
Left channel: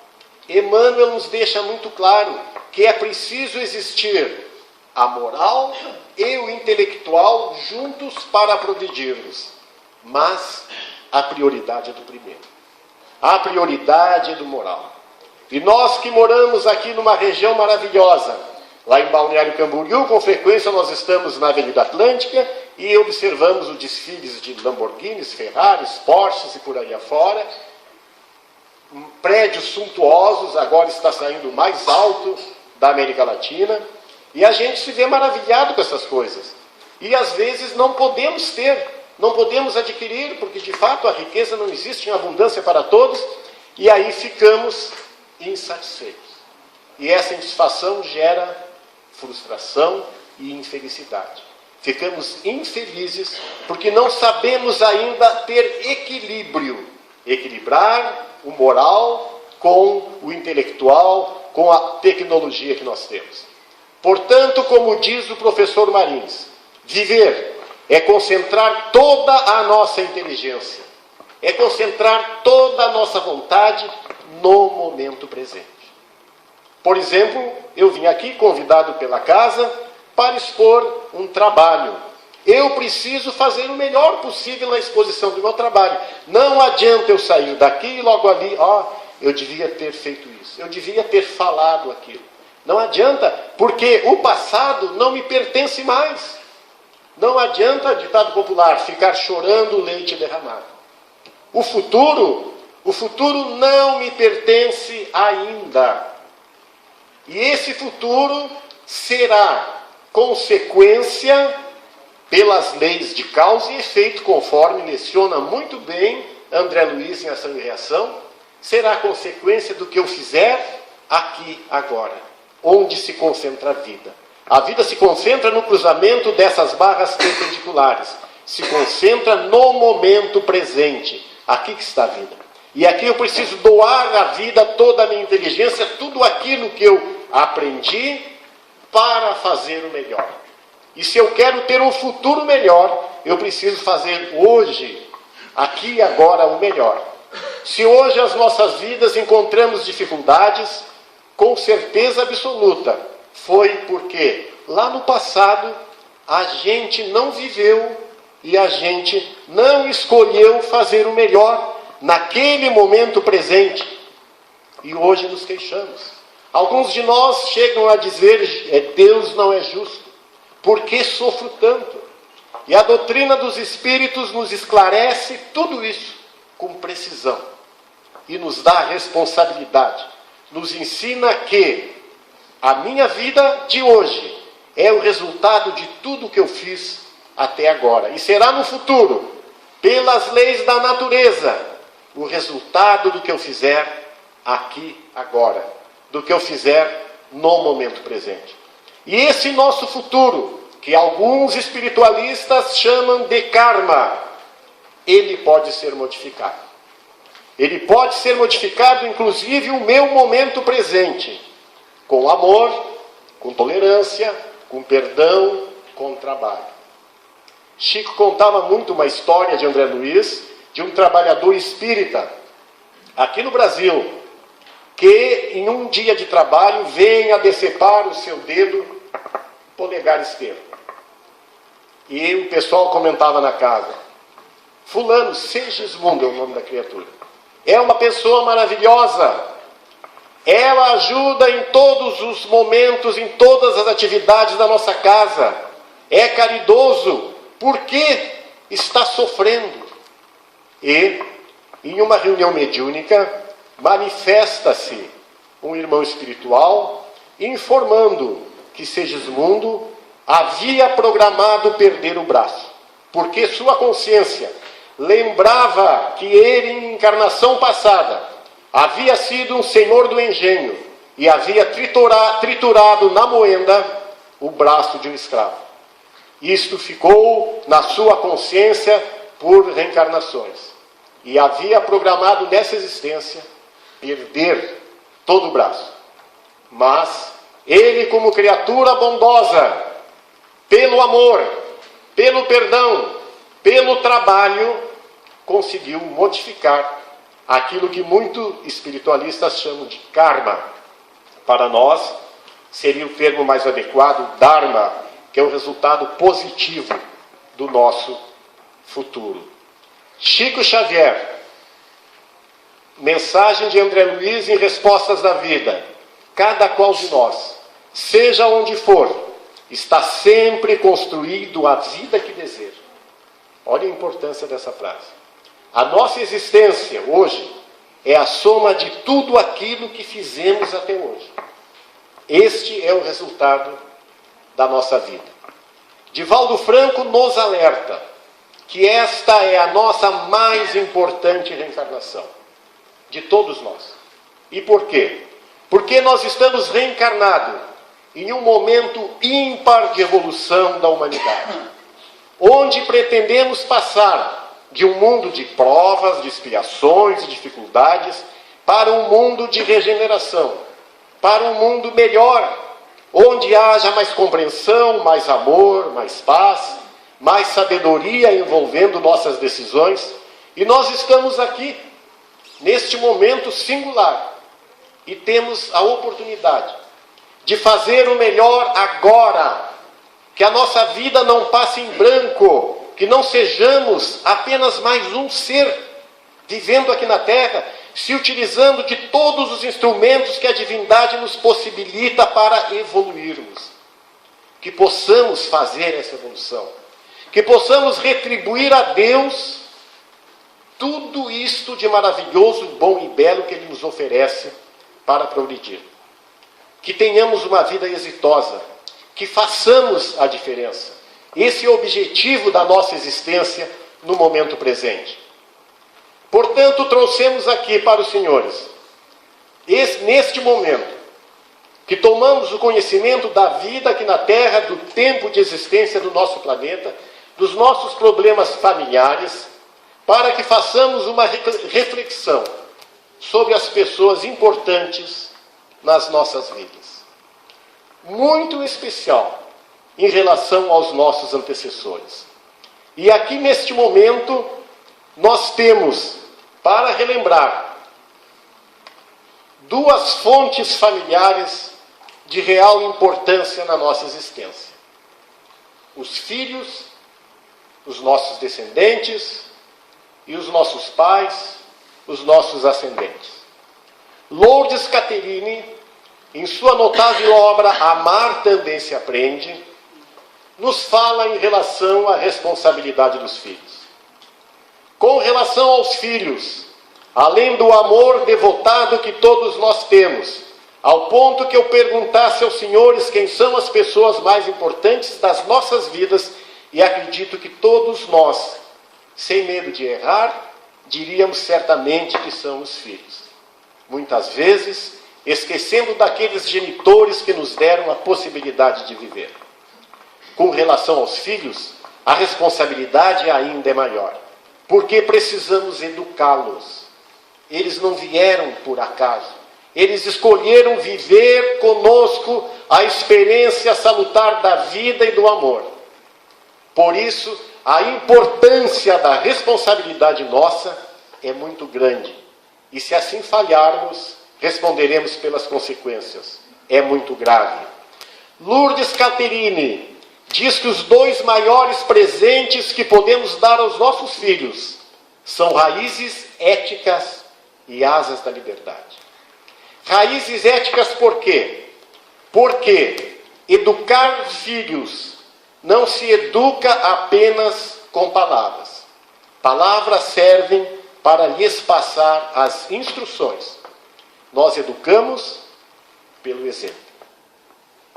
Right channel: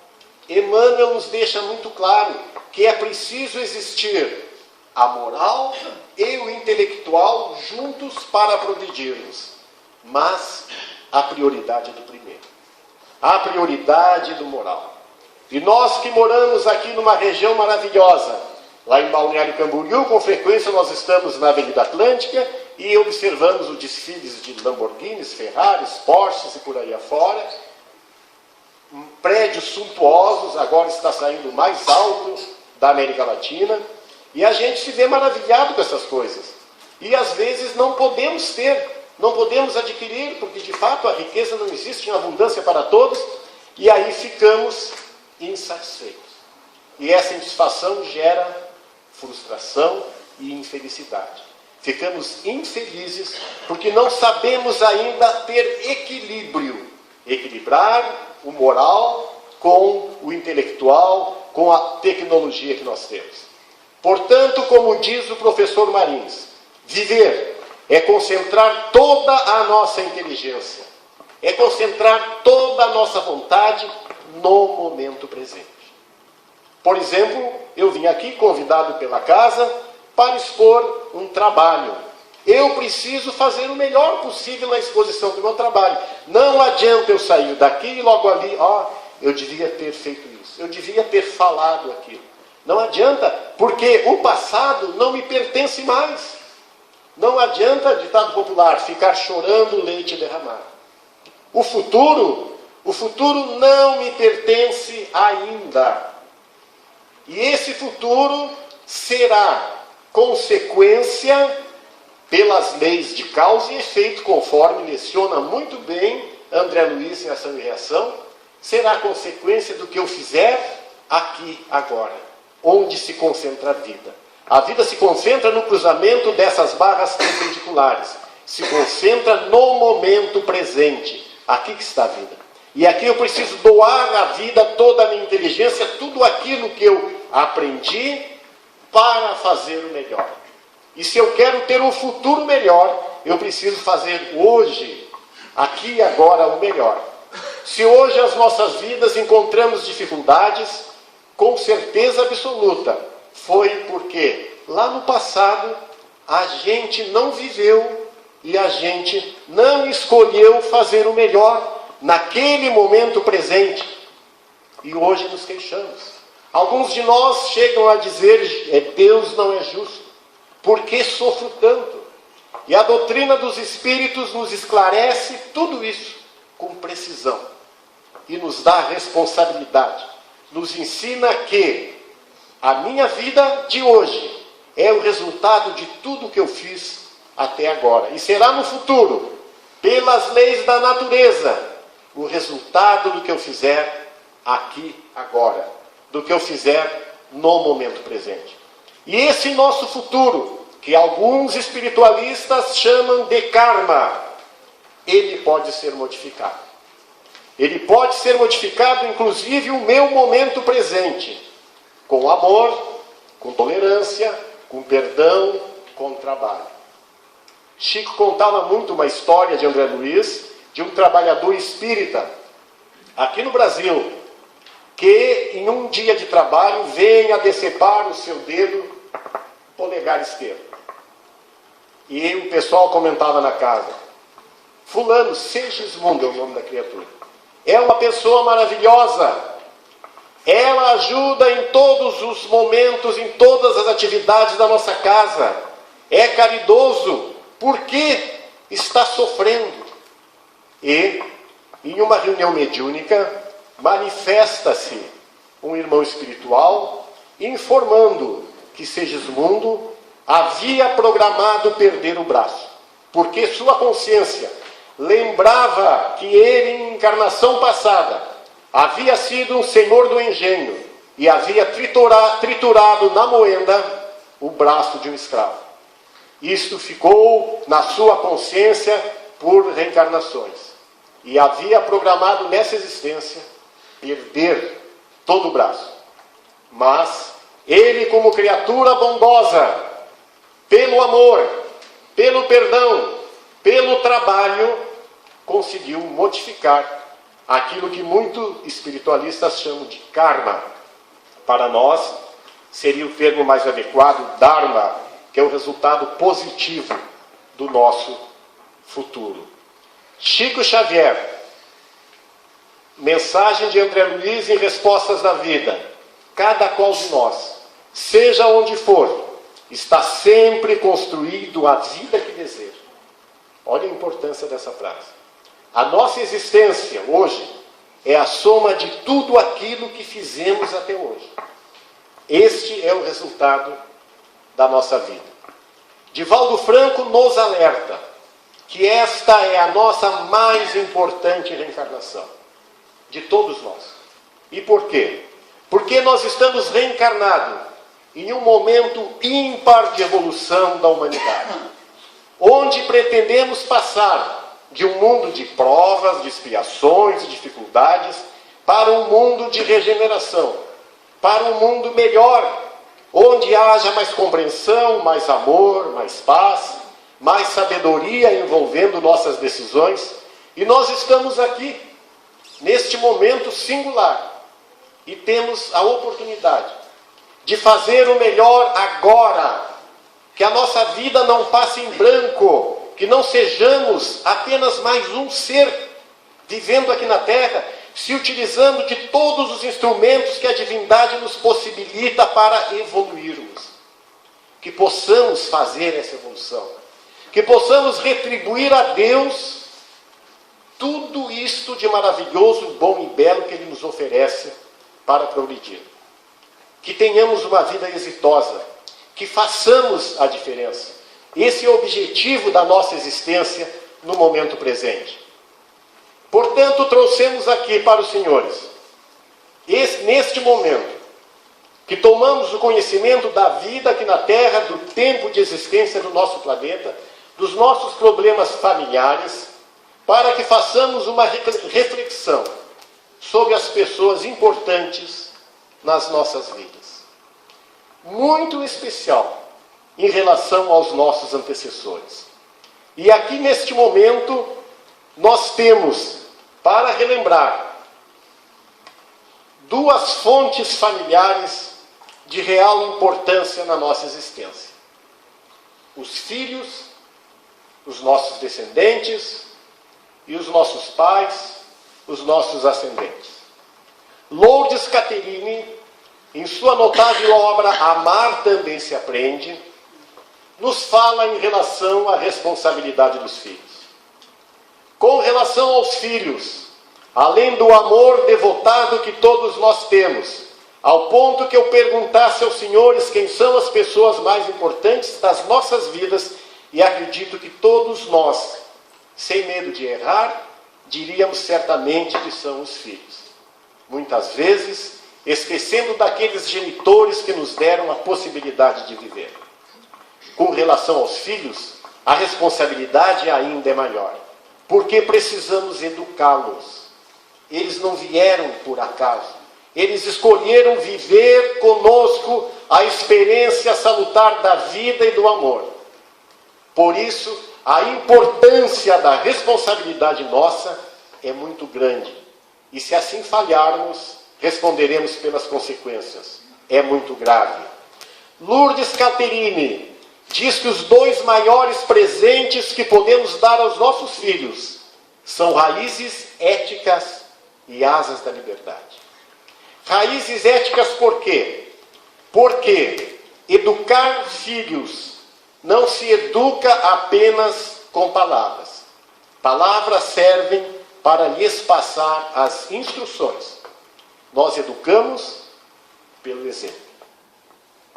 Emmanuel nos deixa muito claro que é preciso existir a moral e o intelectual juntos para progredirmos. Mas a prioridade é do primeiro. A prioridade é do moral. E nós que moramos aqui numa região maravilhosa, lá em Balneário Camboriú, com frequência nós estamos na Avenida Atlântica e observamos os desfiles de Lamborghinis, Ferraris, Porsches e por aí afora. Prédios suntuosos, agora está saindo o mais alto da América Latina. E a gente se vê maravilhado com essas coisas. E às vezes não podemos ter, não podemos adquirir, porque de fato a riqueza não existe em abundância para todos. E aí ficamos insatisfeitos. E essa insatisfação gera frustração e infelicidade. Ficamos infelizes porque não sabemos ainda ter equilíbrio. Equilibrar o moral com o intelectual, com a tecnologia que nós temos. Portanto, como diz o professor Marins, viver é concentrar toda a nossa inteligência é concentrar toda a nossa vontade no momento presente. Por exemplo, eu vim aqui convidado pela casa para expor um trabalho. Eu preciso fazer o melhor possível na exposição do meu trabalho. Não adianta eu sair daqui e logo ali, eu devia ter feito isso, eu devia ter falado aquilo. Não adianta, porque o passado não me pertence mais. Não adianta, ditado popular, ficar chorando leite derramado. O futuro não me pertence ainda. E esse futuro será consequência pelas leis de causa e efeito, conforme leciona muito bem André Luiz em Ação e Reação, será consequência do que eu fizer aqui, agora, onde se concentra a vida. A vida se concentra no cruzamento dessas barras perpendiculares, se concentra no momento presente. Aqui que está a vida. E aqui eu preciso doar à vida toda a minha inteligência, tudo aquilo que eu aprendi para fazer o melhor. E se eu quero ter um futuro melhor, eu preciso fazer hoje, aqui e agora, o melhor. Se hoje as nossas vidas encontramos dificuldades, com certeza absoluta, foi porque lá no passado a gente não viveu e a gente não escolheu fazer o melhor naquele momento presente. E hoje nos queixamos. Alguns de nós chegam a dizer, Deus não é justo. Por que sofro tanto? E a doutrina dos Espíritos nos esclarece tudo isso com precisão. E nos dá responsabilidade. Nos ensina que a minha vida de hoje é o resultado de tudo que eu fiz até agora. E será no futuro, pelas leis da natureza, o resultado do que eu fizer aqui, agora. Do que eu fizer no momento presente. E esse nosso futuro, que alguns espiritualistas chamam de karma, ele pode ser modificado. Ele pode ser modificado, inclusive, o meu momento presente. Com amor, com tolerância, com perdão, com trabalho. Chico contava muito uma história de André Luiz, de um trabalhador espírita, aqui no Brasil, que em um dia de trabalho vem a decepar o seu dedo polegar esquerdo. E o pessoal comentava na casa, fulano, Segismundo é o nome da criatura, é uma pessoa maravilhosa, ela ajuda em todos os momentos, em todas as atividades da nossa casa, é caridoso, por que está sofrendo? E, em uma reunião mediúnica, manifesta-se um irmão espiritual informando que Segismundo havia programado perder o braço, porque sua consciência lembrava que ele, em encarnação passada, havia sido um senhor do engenho e havia triturado na moenda o braço de um escravo. Isto ficou na sua consciência por reencarnações. E havia programado nessa existência perder todo o braço. Mas ele, como criatura bondosa, pelo amor, pelo perdão, pelo trabalho, conseguiu modificar aquilo que muitos espiritualistas chamam de karma. Para nós, seria o termo mais adequado, dharma, que é o resultado positivo do nosso futuro. Chico Xavier, mensagem de André Luiz em Respostas da Vida. Cada qual de nós, seja onde for, está sempre construído a vida que deseja. Olha a importância dessa frase. A nossa existência hoje é a soma de tudo aquilo que fizemos até hoje. Este é o resultado da nossa vida. Divaldo Franco nos alerta que esta é a nossa mais importante reencarnação de todos nós. E por quê? Porque nós estamos reencarnados em um momento ímpar de evolução da humanidade, onde pretendemos passar de um mundo de provas, de expiações, de dificuldades, para um mundo de regeneração, para um mundo melhor, onde haja mais compreensão, mais amor, mais paz, mais sabedoria envolvendo nossas decisões, E nós estamos aqui, neste momento singular, e temos a oportunidade de fazer o melhor agora, que a nossa vida não passe em branco, que não sejamos apenas mais um ser vivendo aqui na terra, se utilizando de todos os instrumentos que a divindade nos possibilita para evoluirmos. Que possamos fazer essa evolução, que possamos retribuir a Deus tudo isto de maravilhoso, bom e belo que Ele nos oferece para progredir. Que tenhamos uma vida exitosa, que façamos a diferença. Esse é o objetivo da nossa existência no momento presente. Portanto, trouxemos aqui para os senhores, neste momento, que tomamos o conhecimento da vida aqui na Terra, do tempo de existência do nosso planeta, dos nossos problemas familiares, para que façamos uma reflexão sobre as pessoas importantes nas nossas vidas. Muito especial em relação aos nossos antecessores. E aqui neste momento, nós temos, para relembrar, duas fontes familiares de real importância na nossa existência. Os filhos, os nossos descendentes e os nossos pais, os nossos ascendentes. Lourdes Catherine, em sua notável obra Amar Também Se Aprende, nos fala em relação à responsabilidade dos filhos. Com relação aos filhos, além do amor devotado que todos nós temos, ao ponto que eu perguntasse aos senhores quem são as pessoas mais importantes das nossas vidas, e acredito que todos nós, sem medo de errar, diríamos certamente que são os filhos. Muitas vezes, esquecendo daqueles genitores que nos deram a possibilidade de viver. Com relação aos filhos, a responsabilidade ainda é maior, porque precisamos educá-los. Eles não vieram por acaso. Eles escolheram viver conosco a experiência salutar da vida e do amor. Por isso, a importância da responsabilidade nossa é muito grande. E se assim falharmos, responderemos pelas consequências. É muito grave. Lourdes Catherine diz que os dois maiores presentes que podemos dar aos nossos filhos são raízes éticas e asas da liberdade. Raízes éticas por quê? Porque educar filhos não se educa apenas com palavras. Palavras servem para lhes passar as instruções. Nós educamos pelo exemplo.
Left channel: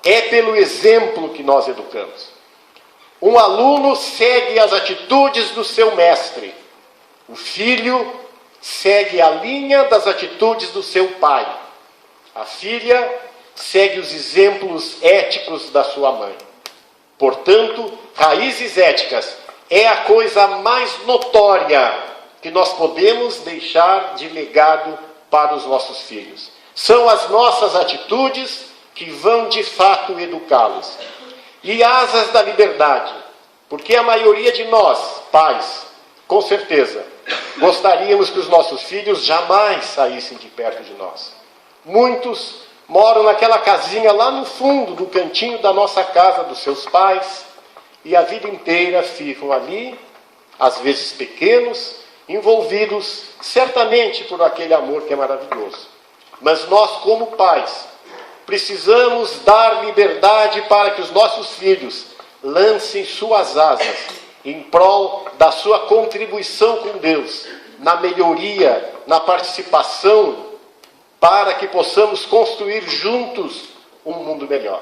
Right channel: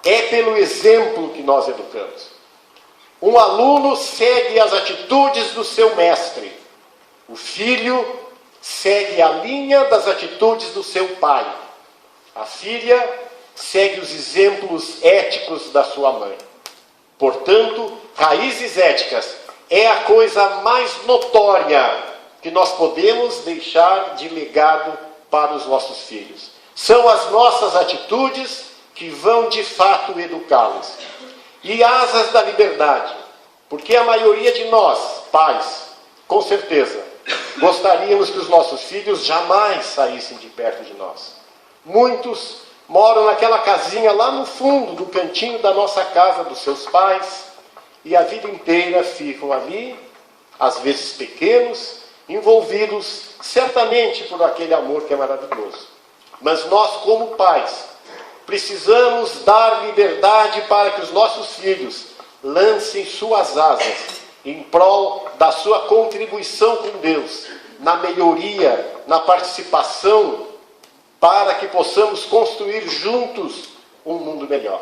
É pelo exemplo que nós educamos. Um aluno segue as atitudes do seu mestre. O filho segue a linha das atitudes do seu pai. A filha segue os exemplos éticos da sua mãe. Portanto, raízes éticas é a coisa mais notória que nós podemos deixar de legado para os nossos filhos. São as nossas atitudes que vão de fato educá-los. E asas da liberdade, porque a maioria de nós, pais, com certeza, gostaríamos que os nossos filhos jamais saíssem de perto de nós. Muitos moram naquela casinha lá no fundo do cantinho da nossa casa, dos seus pais, e a vida inteira ficam ali, às vezes pequenos, envolvidos certamente por aquele amor que é maravilhoso. Mas nós, como pais, precisamos dar liberdade para que os nossos filhos lancem suas asas em prol da sua contribuição com Deus, na melhoria, na participação, para que possamos construir juntos um mundo melhor.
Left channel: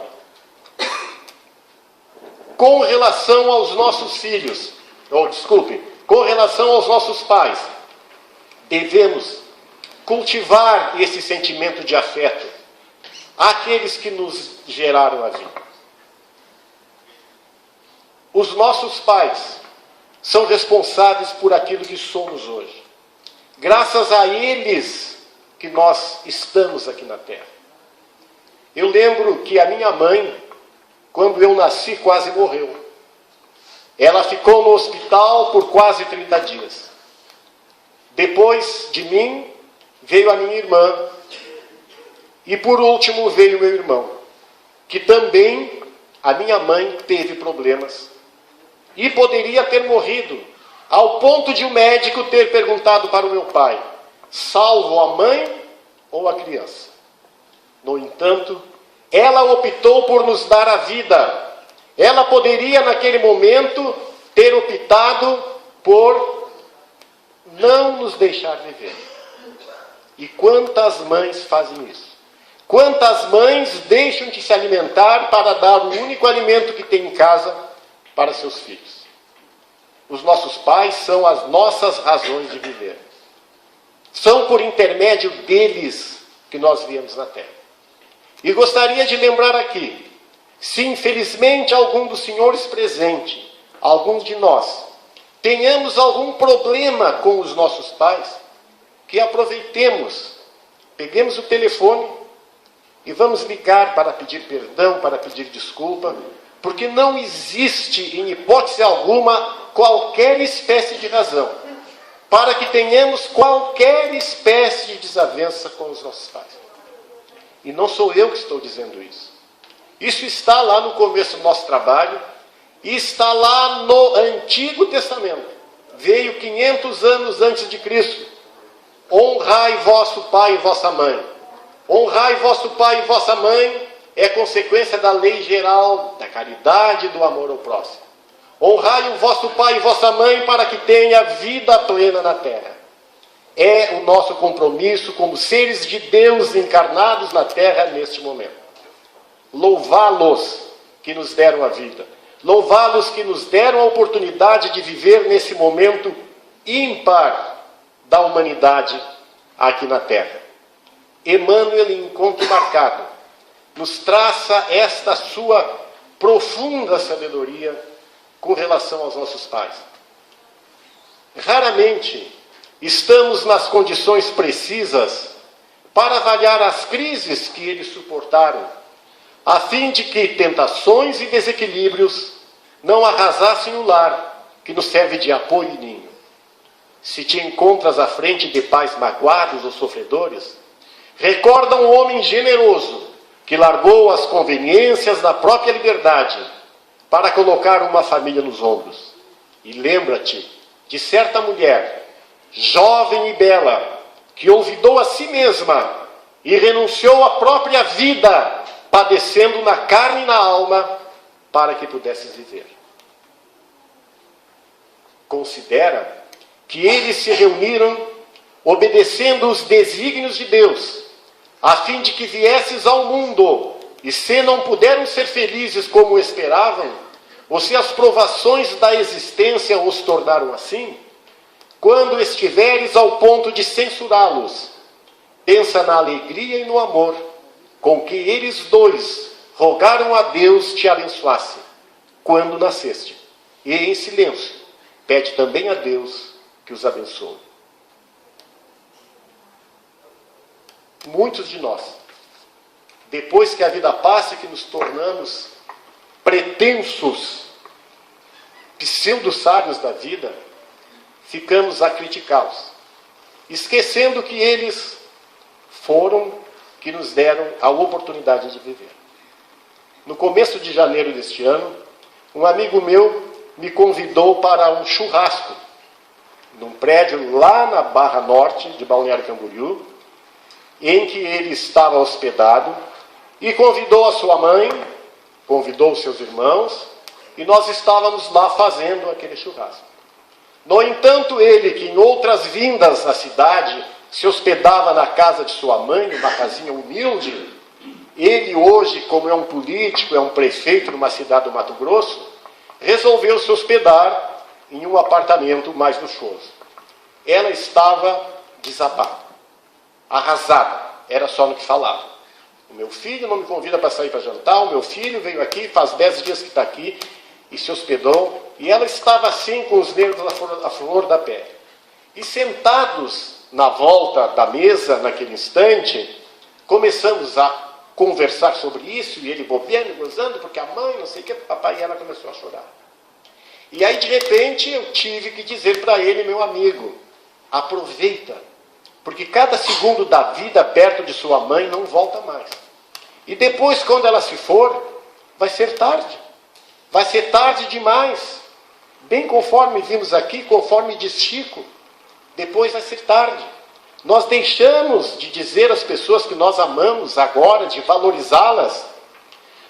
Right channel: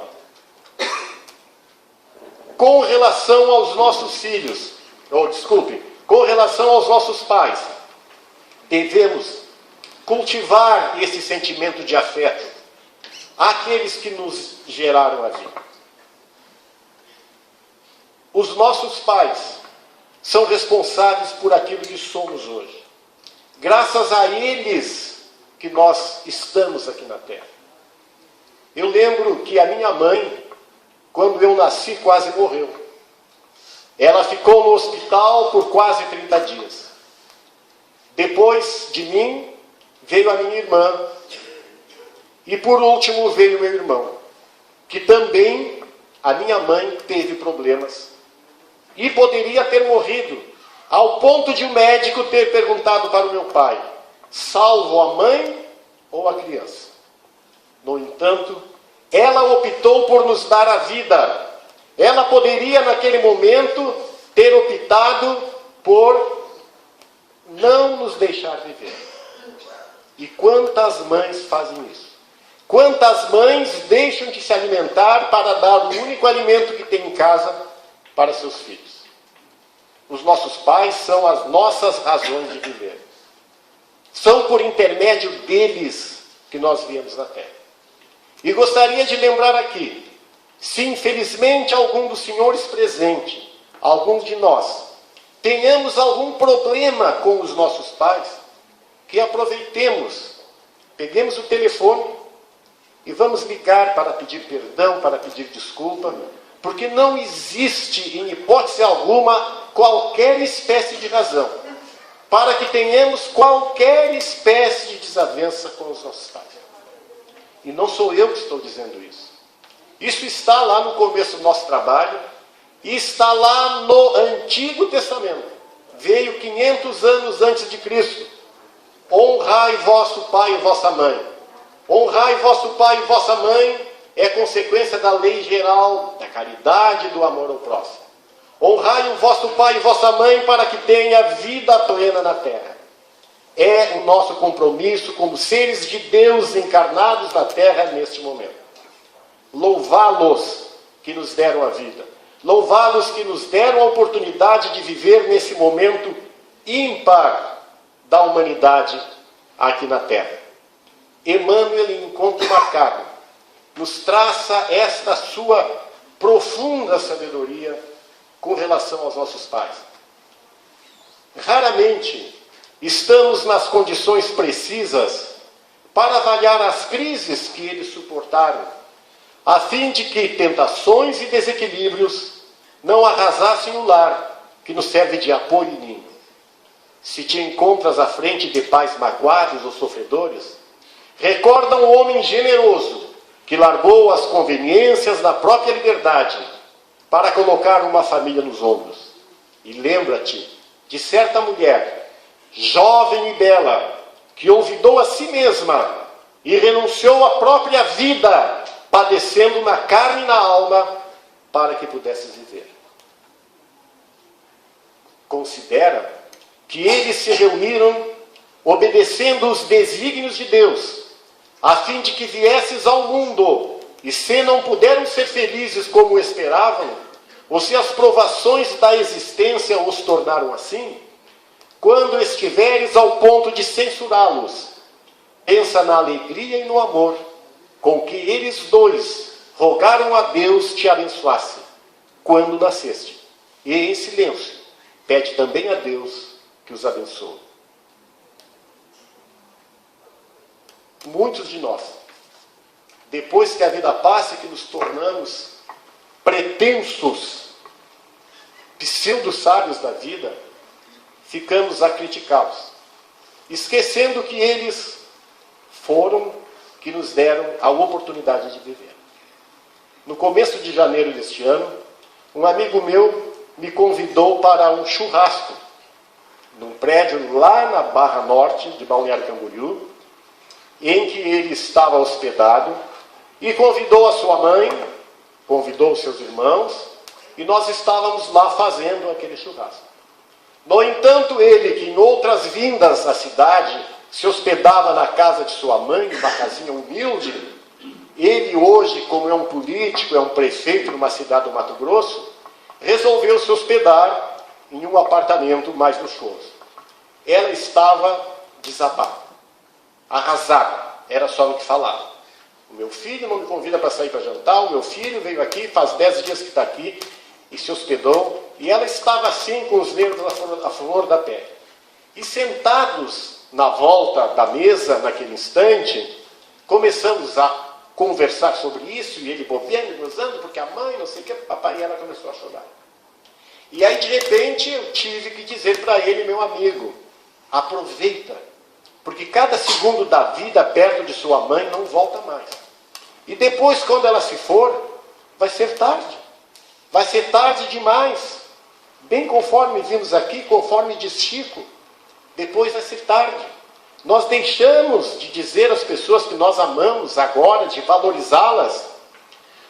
Com relação aos nossos filhos, com relação aos nossos pais, devemos cultivar esse sentimento de afeto àqueles que nos geraram a vida. Os nossos pais são responsáveis por aquilo que somos hoje. Graças a eles que nós estamos aqui na Terra. Eu lembro que a minha mãe, quando eu nasci, quase morreu. Ela ficou no hospital por quase 30 dias. Depois de mim, veio a minha irmã. E por último veio meu irmão, que também a minha mãe teve problemas. E poderia ter morrido, ao ponto de o médico ter perguntado para o meu pai: salvo a mãe ou a criança? No entanto, ela optou por nos dar a vida. Ela poderia, naquele momento, ter optado por não nos deixar viver. E quantas mães fazem isso? Quantas mães deixam de se alimentar para dar o único alimento que tem em casa para seus filhos? Os nossos pais são as nossas razões de viver. São por intermédio deles que nós viemos na Terra. E gostaria de lembrar aqui, se infelizmente algum dos senhores presentes, alguns de nós, tenhamos algum problema com os nossos pais, que aproveitemos, peguemos o telefone e vamos ligar para pedir perdão, para pedir desculpa, porque não existe, em hipótese alguma, qualquer espécie de razão para que tenhamos qualquer espécie de desavença com os nossos pais. E não sou eu que estou dizendo isso. Isso está lá no começo do nosso trabalho e está lá no Antigo Testamento. Veio 500 anos antes de Cristo. Honrai vosso pai e vossa mãe. Honrai vosso pai e vossa mãe é consequência da lei geral, da caridade e do amor ao próximo. Honrai o vosso pai e vossa mãe para que tenha vida plena na terra. É o nosso compromisso como seres de Deus encarnados na terra neste momento. Louvá-los que nos deram a vida. Louvá-los que nos deram a oportunidade de viver nesse momento ímpar da humanidade aqui na terra. Emmanuel, em encontro marcado, nos traça esta sua profunda sabedoria com relação aos nossos pais. Raramente estamos nas condições precisas para avaliar as crises que eles suportaram, a fim de que tentações e desequilíbrios não arrasassem o lar que nos serve de apoio e ninho. Se te encontras à frente de pais magoados ou sofredores, recorda um homem generoso que largou as conveniências da própria liberdade para colocar uma família nos ombros. E lembra-te de certa mulher, jovem e bela, que olvidou a si mesma e renunciou à própria vida, padecendo na carne e na alma, para que pudesses viver. Considera que eles se reuniram obedecendo os desígnios de Deus, a fim de que viesses ao mundo, e se não puderam ser felizes como esperavam, ou se as provações da existência os tornaram assim, quando estiveres ao ponto de censurá-los, pensa na alegria e no amor com que eles dois rogaram a Deus te abençoasse quando nasceste, e em silêncio pede também a Deus que os abençoe. Muitos de nós, depois que a vida passa e que nos tornamos pretensos pseudo-sábios da vida, ficamos a criticá-los, esquecendo que eles foram que nos deram a oportunidade de viver. No começo de janeiro deste ano, um amigo meu me convidou para um churrasco num prédio lá na Barra Norte de Balneário Camboriú, em que ele estava hospedado, e convidou a sua mãe, convidou os seus irmãos, e nós estávamos lá fazendo aquele churrasco. No entanto, ele, que em outras vindas à cidade se hospedava na casa de sua mãe, numa casinha humilde, ele hoje, como é um político, é um prefeito numa cidade do Mato Grosso, resolveu se hospedar em um apartamento mais luxuoso. Ela estava desabada, arrasada, era só no que falava. O meu filho não me convida para sair para jantar, o meu filho veio aqui, faz 10 dias que está aqui, e se hospedou, e ela estava assim com os nervos à flor da pele. E sentados na volta da mesa, naquele instante, começamos a conversar sobre isso, e ele bobeando e gozando, porque a mãe, não sei o que, papai, e ela começou a chorar. E aí, de repente, eu tive que dizer para ele, meu amigo, Aproveita, porque cada segundo da vida perto de sua mãe não volta mais. E depois, quando ela se for, vai ser tarde. Vai ser tarde demais. Bem conforme vimos aqui, conforme diz Chico, depois vai ser tarde. Nós deixamos de dizer às pessoas que nós amamos agora, de valorizá-las.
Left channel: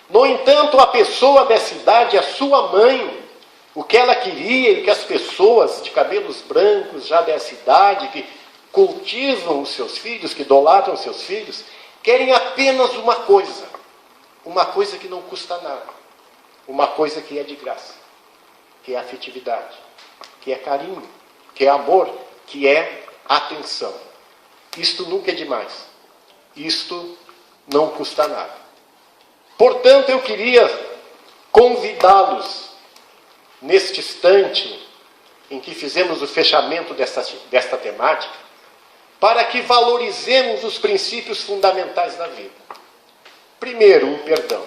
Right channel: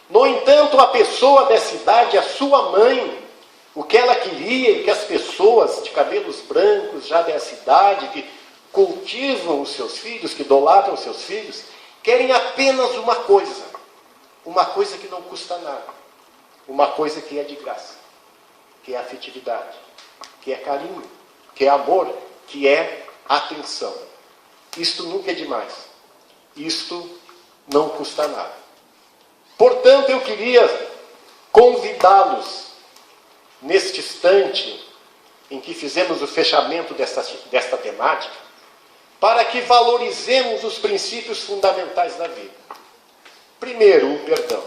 No entanto, a pessoa dessa idade, a sua mãe, o que ela queria e que as pessoas de cabelos brancos já dessa idade, que cultivam os seus filhos, que idolatram os seus filhos, querem apenas uma coisa que não custa nada, uma coisa que é de graça, que é afetividade, que é carinho, que é amor, que é atenção. Isto nunca é demais, isto não custa nada. Portanto, eu queria convidá-los, neste instante em que fizemos o fechamento desta temática, para que valorizemos os princípios fundamentais da vida. Primeiro, o perdão.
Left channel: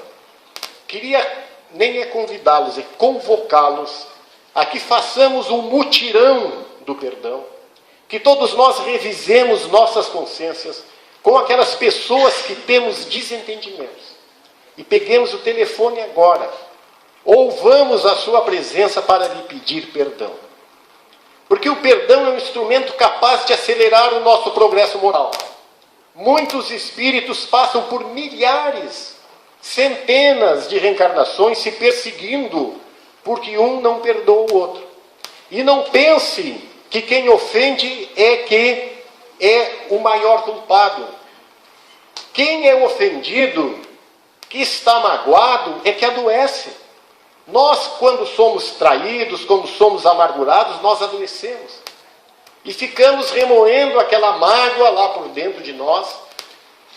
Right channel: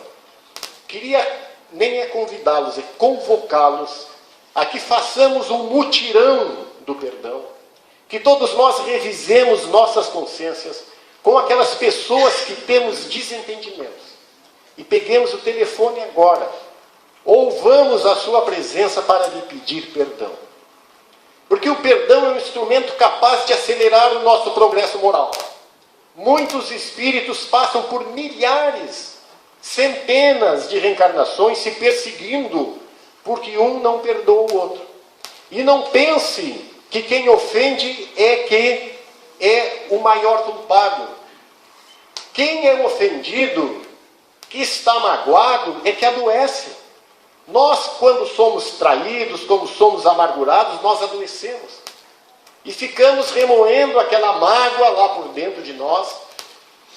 Queria nem é convidá-los, é convocá-los a que façamos um mutirão do perdão, que todos nós revisemos nossas consciências com aquelas pessoas que temos desentendimentos. E peguemos o telefone agora, ou vamos à sua presença para lhe pedir perdão. Porque o perdão é um instrumento capaz de acelerar o nosso progresso moral. Muitos espíritos passam por milhares, centenas de reencarnações se perseguindo, porque um não perdoa o outro. E não pense que quem ofende é o maior culpado. Quem é ofendido, que está magoado, é que adoece. Nós, quando somos traídos, quando somos amargurados, nós adoecemos. E ficamos remoendo aquela mágoa lá por dentro de nós.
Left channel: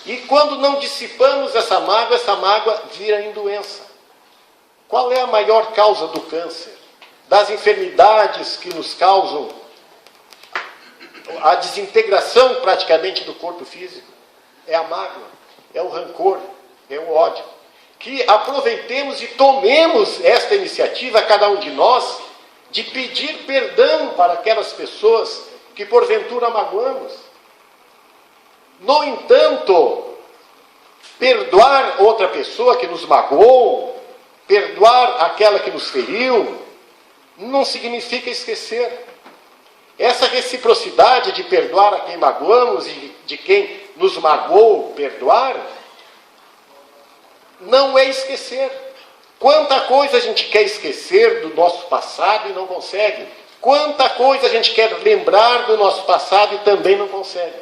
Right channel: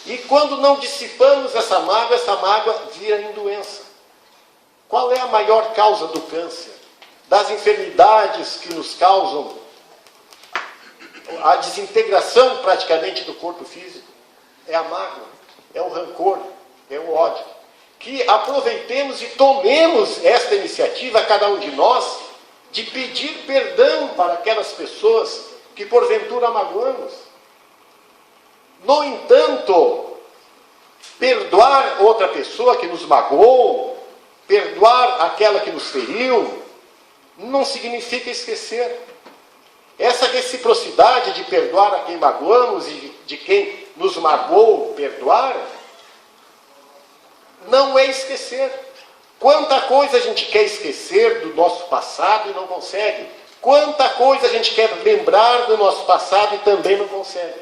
E quando não dissipamos essa mágoa vira em doença. Qual é a maior causa do câncer? Das enfermidades que nos causam a desintegração praticamente do corpo físico? É a mágoa, é o rancor, é o ódio. Que aproveitemos e tomemos esta iniciativa, cada um de nós, de pedir perdão para aquelas pessoas que porventura magoamos. No entanto, perdoar outra pessoa que nos magoou, perdoar aquela que nos feriu, não significa esquecer. Essa reciprocidade de perdoar a quem magoamos e de quem nos magoou perdoar, não é esquecer. Quanta coisa a gente quer esquecer do nosso passado e não consegue. Quanta coisa a gente quer lembrar do nosso passado e também não consegue.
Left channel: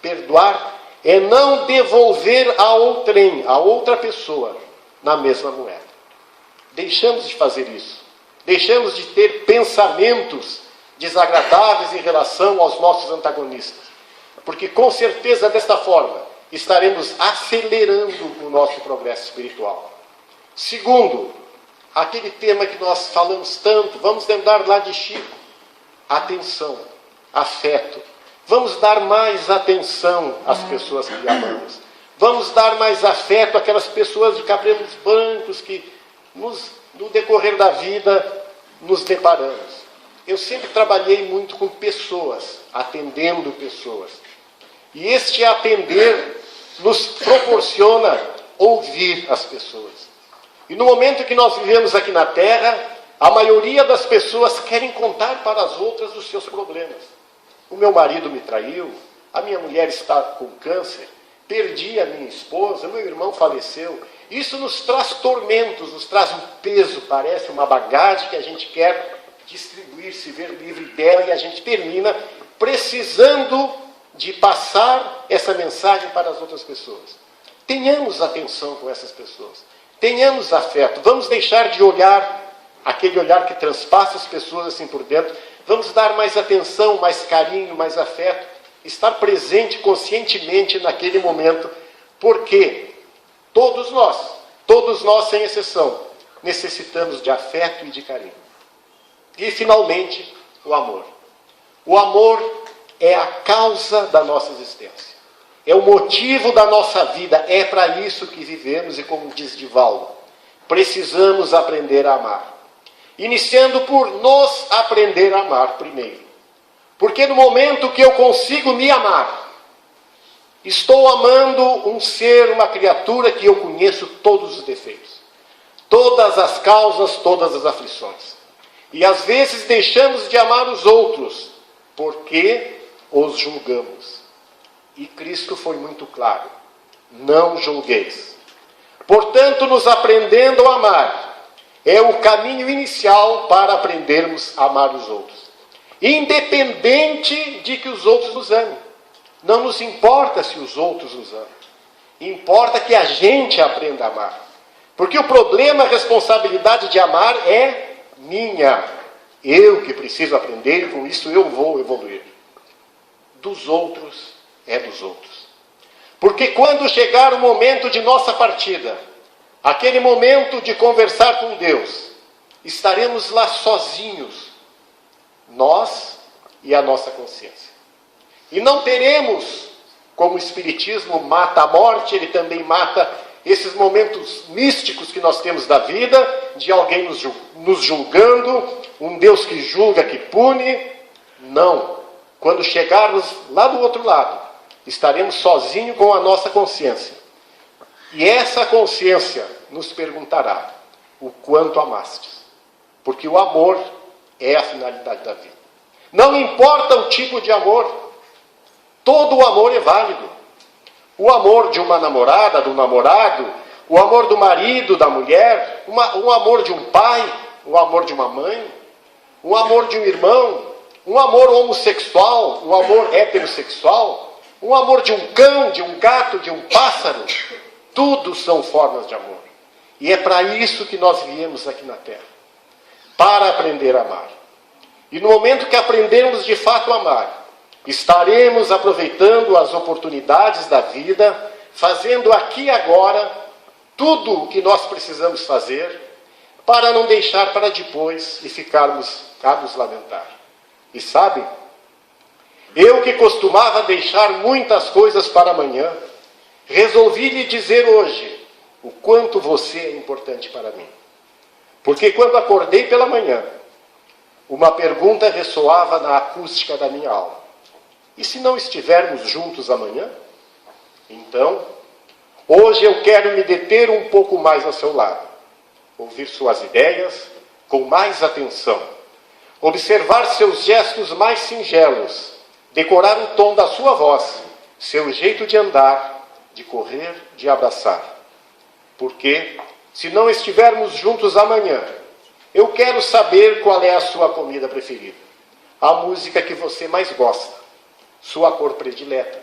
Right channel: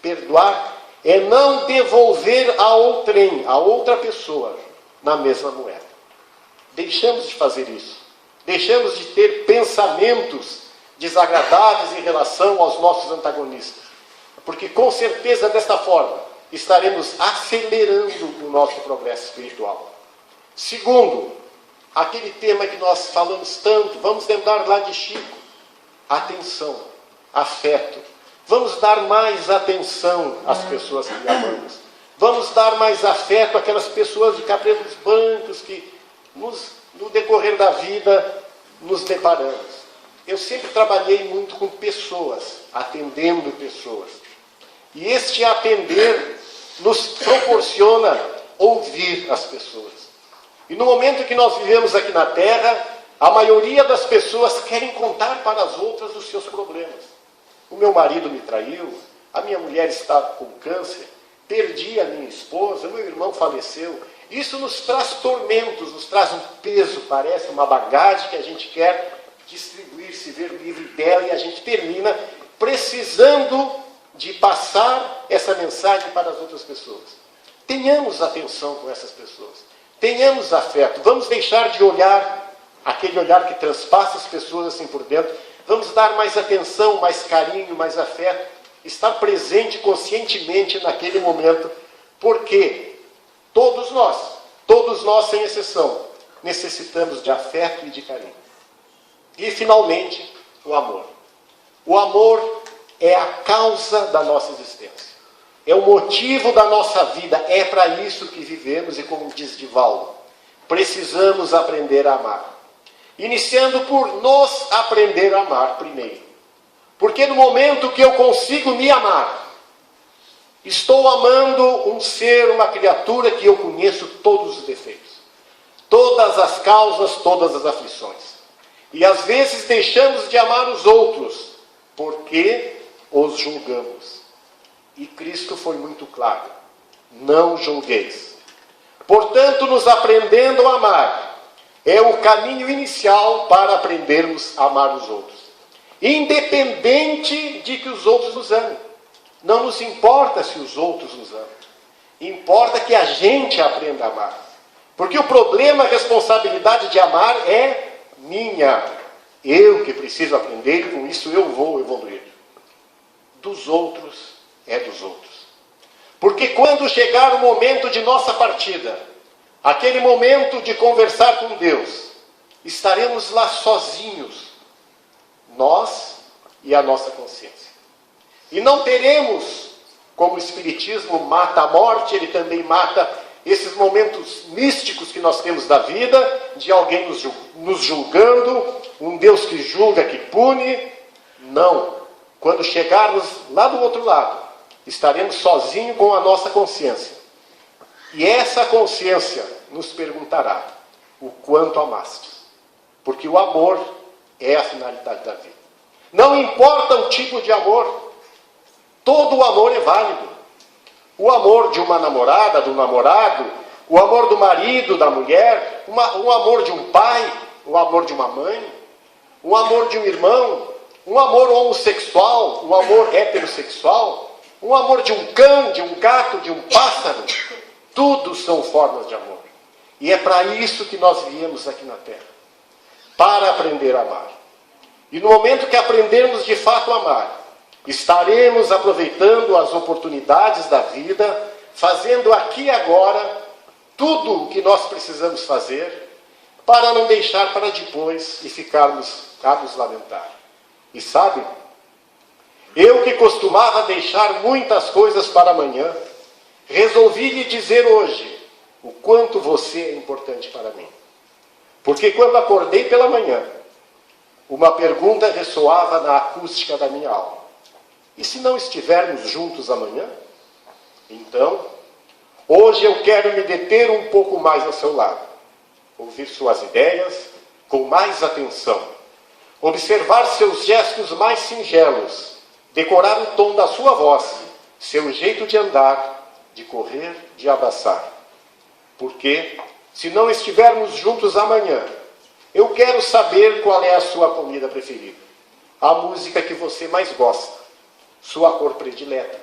Perdoar é não devolver a outrem, a outra pessoa, na mesma moeda. Deixamos de fazer isso. Deixamos de ter pensamentos desagradáveis em relação aos nossos antagonistas. Porque com certeza desta forma estaremos acelerando o nosso progresso espiritual. Segundo, aquele tema que nós falamos tanto, vamos lembrar lá de Chico, atenção, afeto. Vamos dar mais atenção às pessoas que amamos. Vamos dar mais afeto àquelas pessoas de cabelos brancos que no decorrer da vida nos deparamos. Eu sempre trabalhei muito com pessoas, atendendo pessoas. E este atender nos proporciona ouvir as pessoas. E no momento que nós vivemos aqui na Terra, a maioria das pessoas querem contar para as outras os seus problemas. O meu marido me traiu, a minha mulher está com câncer, perdi a minha esposa, o meu irmão faleceu. Isso nos traz tormentos, nos traz um peso, parece uma bagagem que a gente quer distribuir, se ver livre dela, e a gente termina precisando de passar essa mensagem para as outras pessoas. Tenhamos atenção com essas pessoas. Tenhamos afeto. Vamos deixar de olhar, aquele olhar que transpassa as pessoas assim por dentro. Vamos dar mais atenção, mais carinho, mais afeto. Estar presente conscientemente naquele momento. Porque todos nós sem exceção, necessitamos de afeto e de carinho. E finalmente, o amor. O amor é a causa da nossa existência. É o motivo da nossa vida. É para isso que vivemos e, como diz Divaldo, precisamos aprender a amar. Iniciando por nos aprender a amar primeiro. Porque no momento que eu consigo me amar, estou amando um ser, uma criatura que eu conheço todos os defeitos, todas as causas, todas as aflições. E às vezes deixamos de amar os outros, porque os julgamos. E Cristo foi muito claro: não julgueis. Portanto, nos aprendendo a amar, é o caminho inicial para aprendermos a amar os outros. Independente de que os outros nos amem. Não nos importa se os outros nos amam. Importa que a gente aprenda a amar. Porque o problema, a responsabilidade de amar é minha. Eu que preciso aprender e com isso eu vou evoluir. Dos outros, é dos outros. Porque quando chegar o momento de nossa partida, aquele momento de conversar com Deus, estaremos lá sozinhos, nós e a nossa consciência. E não teremos, como o Espiritismo mata a morte, ele também mata esses momentos místicos que nós temos da vida, de alguém nos julgando, um Deus que julga, que pune. Não. Quando chegarmos lá do outro lado, estaremos sozinhos com a nossa consciência. E essa consciência nos perguntará o quanto amaste. Porque o amor é a finalidade da vida. Não importa o tipo de amor, todo o amor é válido. O amor de uma namorada, do namorado, o amor do marido, da mulher, o amor de um pai, o amor de uma mãe, o amor de um irmão, um amor homossexual, um amor heterossexual, um amor de um cão, de um gato, de um pássaro. Tudo são formas de amor. E é para isso que nós viemos aqui na Terra. Para aprender a amar. E no momento que aprendermos de fato a amar, estaremos aproveitando as oportunidades da vida, fazendo aqui e agora tudo o que nós precisamos fazer, para não deixar para depois e ficarmos a nos lamentar. E sabe, eu que costumava deixar muitas coisas para amanhã, resolvi lhe dizer hoje o quanto você é importante para mim. Porque quando acordei pela manhã, uma pergunta ressoava na acústica da minha alma: e se não estivermos juntos amanhã? Então, hoje eu quero me deter um pouco mais ao seu lado, ouvir suas ideias com mais atenção, observar seus gestos mais singelos, decorar o tom da sua voz, seu jeito de andar, de correr, de abraçar. Porque, se não estivermos juntos amanhã, eu quero saber qual é a sua comida preferida, a música que você mais gosta, sua cor predileta.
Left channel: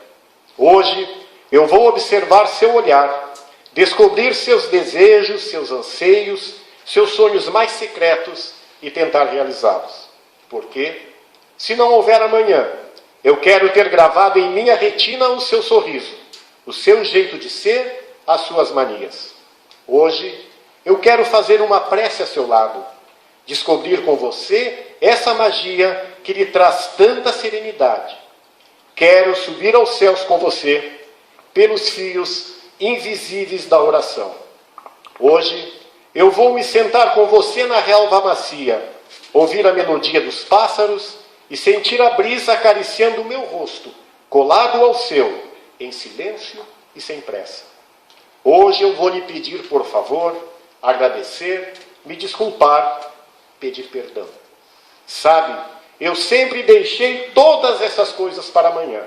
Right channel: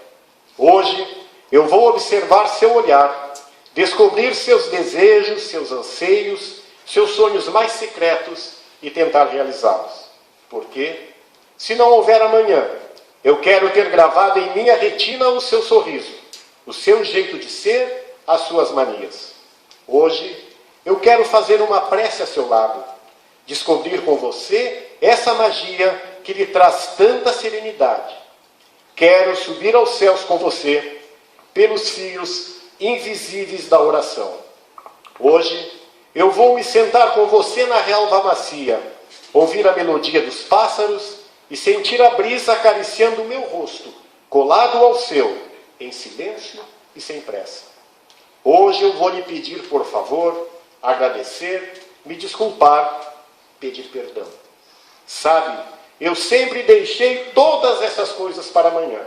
Hoje, eu vou observar seu olhar, descobrir seus desejos, seus anseios, seus sonhos mais secretos e tentar realizá-los. Porque, se não houver amanhã, eu quero ter gravado em minha retina o seu sorriso, o seu jeito de ser, as suas manias. Hoje, eu quero fazer uma prece a seu lado, descobrir com você essa magia que lhe traz tanta serenidade. Quero subir aos céus com você, pelos fios invisíveis da oração. Hoje, eu vou me sentar com você na relva macia, ouvir a melodia dos pássaros e sentir a brisa acariciando o meu rosto, colado ao seu, em silêncio e sem pressa. Hoje eu vou lhe pedir, por favor, agradecer, me desculpar, pedir perdão. Sabe, eu sempre deixei todas essas coisas para amanhã,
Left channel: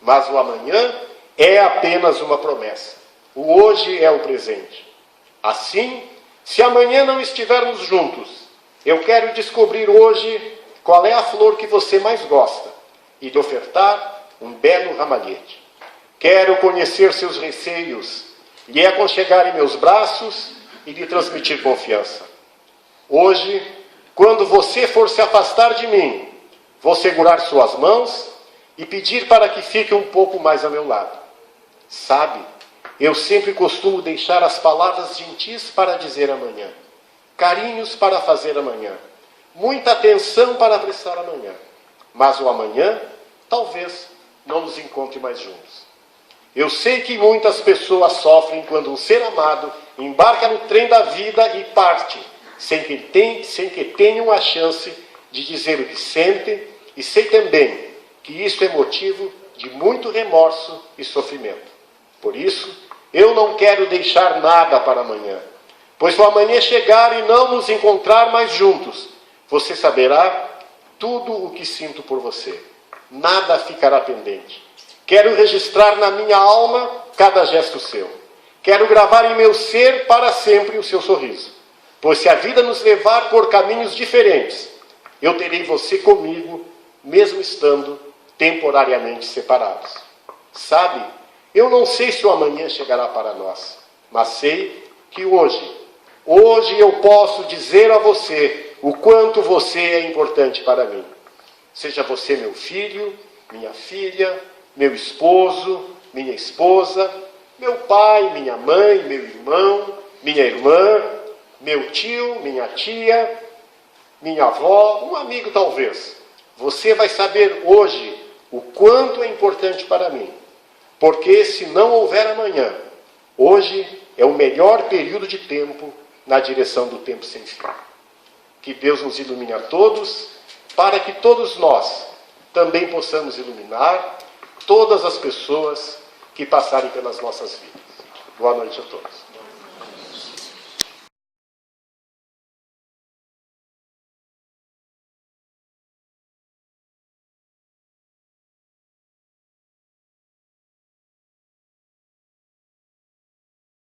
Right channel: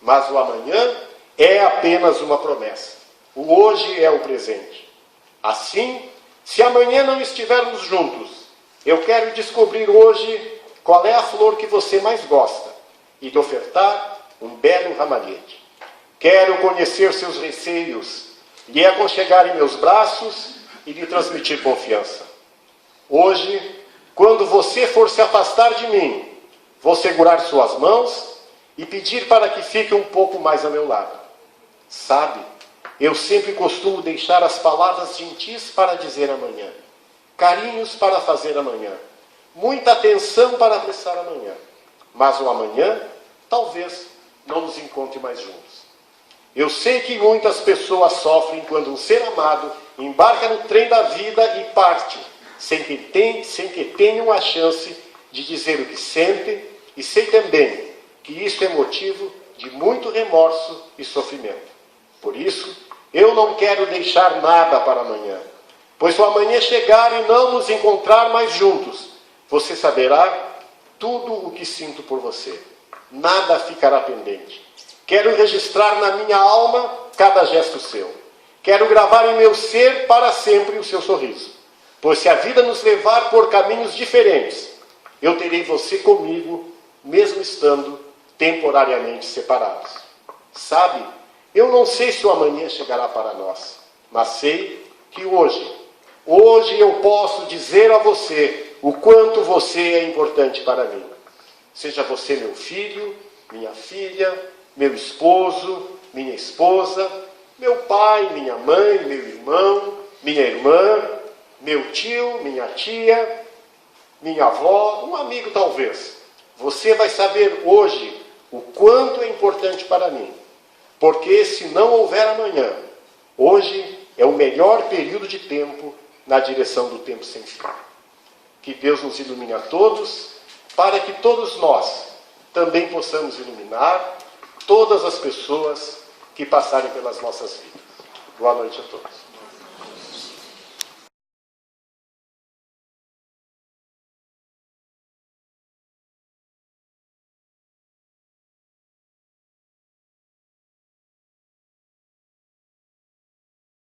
mas o amanhã é apenas uma promessa. O hoje é o presente. Assim, se amanhã não estivermos juntos, eu quero descobrir hoje qual é a flor que você mais gosta e lhe ofertar um belo ramalhete. Quero conhecer seus receios, lhe aconchegar em meus braços e lhe transmitir confiança. Hoje, quando você for se afastar de mim, vou segurar suas mãos e pedir para que fique um pouco mais ao meu lado. Sabe, eu sempre costumo deixar as palavras gentis para dizer amanhã, carinhos para fazer amanhã, muita atenção para apressar amanhã. Mas o amanhã, talvez, não nos encontre mais juntos. Eu sei que muitas pessoas sofrem quando um ser amado embarca no trem da vida e parte, sem que tenham a chance de dizer o que sente, e sei também que isto é motivo de muito remorso e sofrimento. Por isso, eu não quero deixar nada para amanhã, pois se o amanhã chegar e não nos encontrar mais juntos, você saberá tudo o que sinto por você. Nada ficará pendente. Quero registrar na minha alma cada gesto seu. Quero gravar em meu ser para sempre o seu sorriso. Pois se a vida nos levar por caminhos diferentes, eu terei você comigo, mesmo estando temporariamente separados. Sabe, eu não sei se o amanhã chegará para nós, mas sei que hoje eu posso dizer a você o quanto você é importante para mim. Seja você meu filho, minha filha, meu esposo, minha esposa, meu pai, minha mãe, meu irmão, minha irmã, meu tio, minha tia, minha avó, um amigo talvez. Você vai saber hoje o quanto é importante para mim. Porque se não houver amanhã, hoje é o melhor período de tempo na direção do tempo sem fim. Que Deus nos ilumine a todos, para que todos nós também possamos iluminar todas as pessoas que passarem pelas nossas vidas. Boa noite a todos.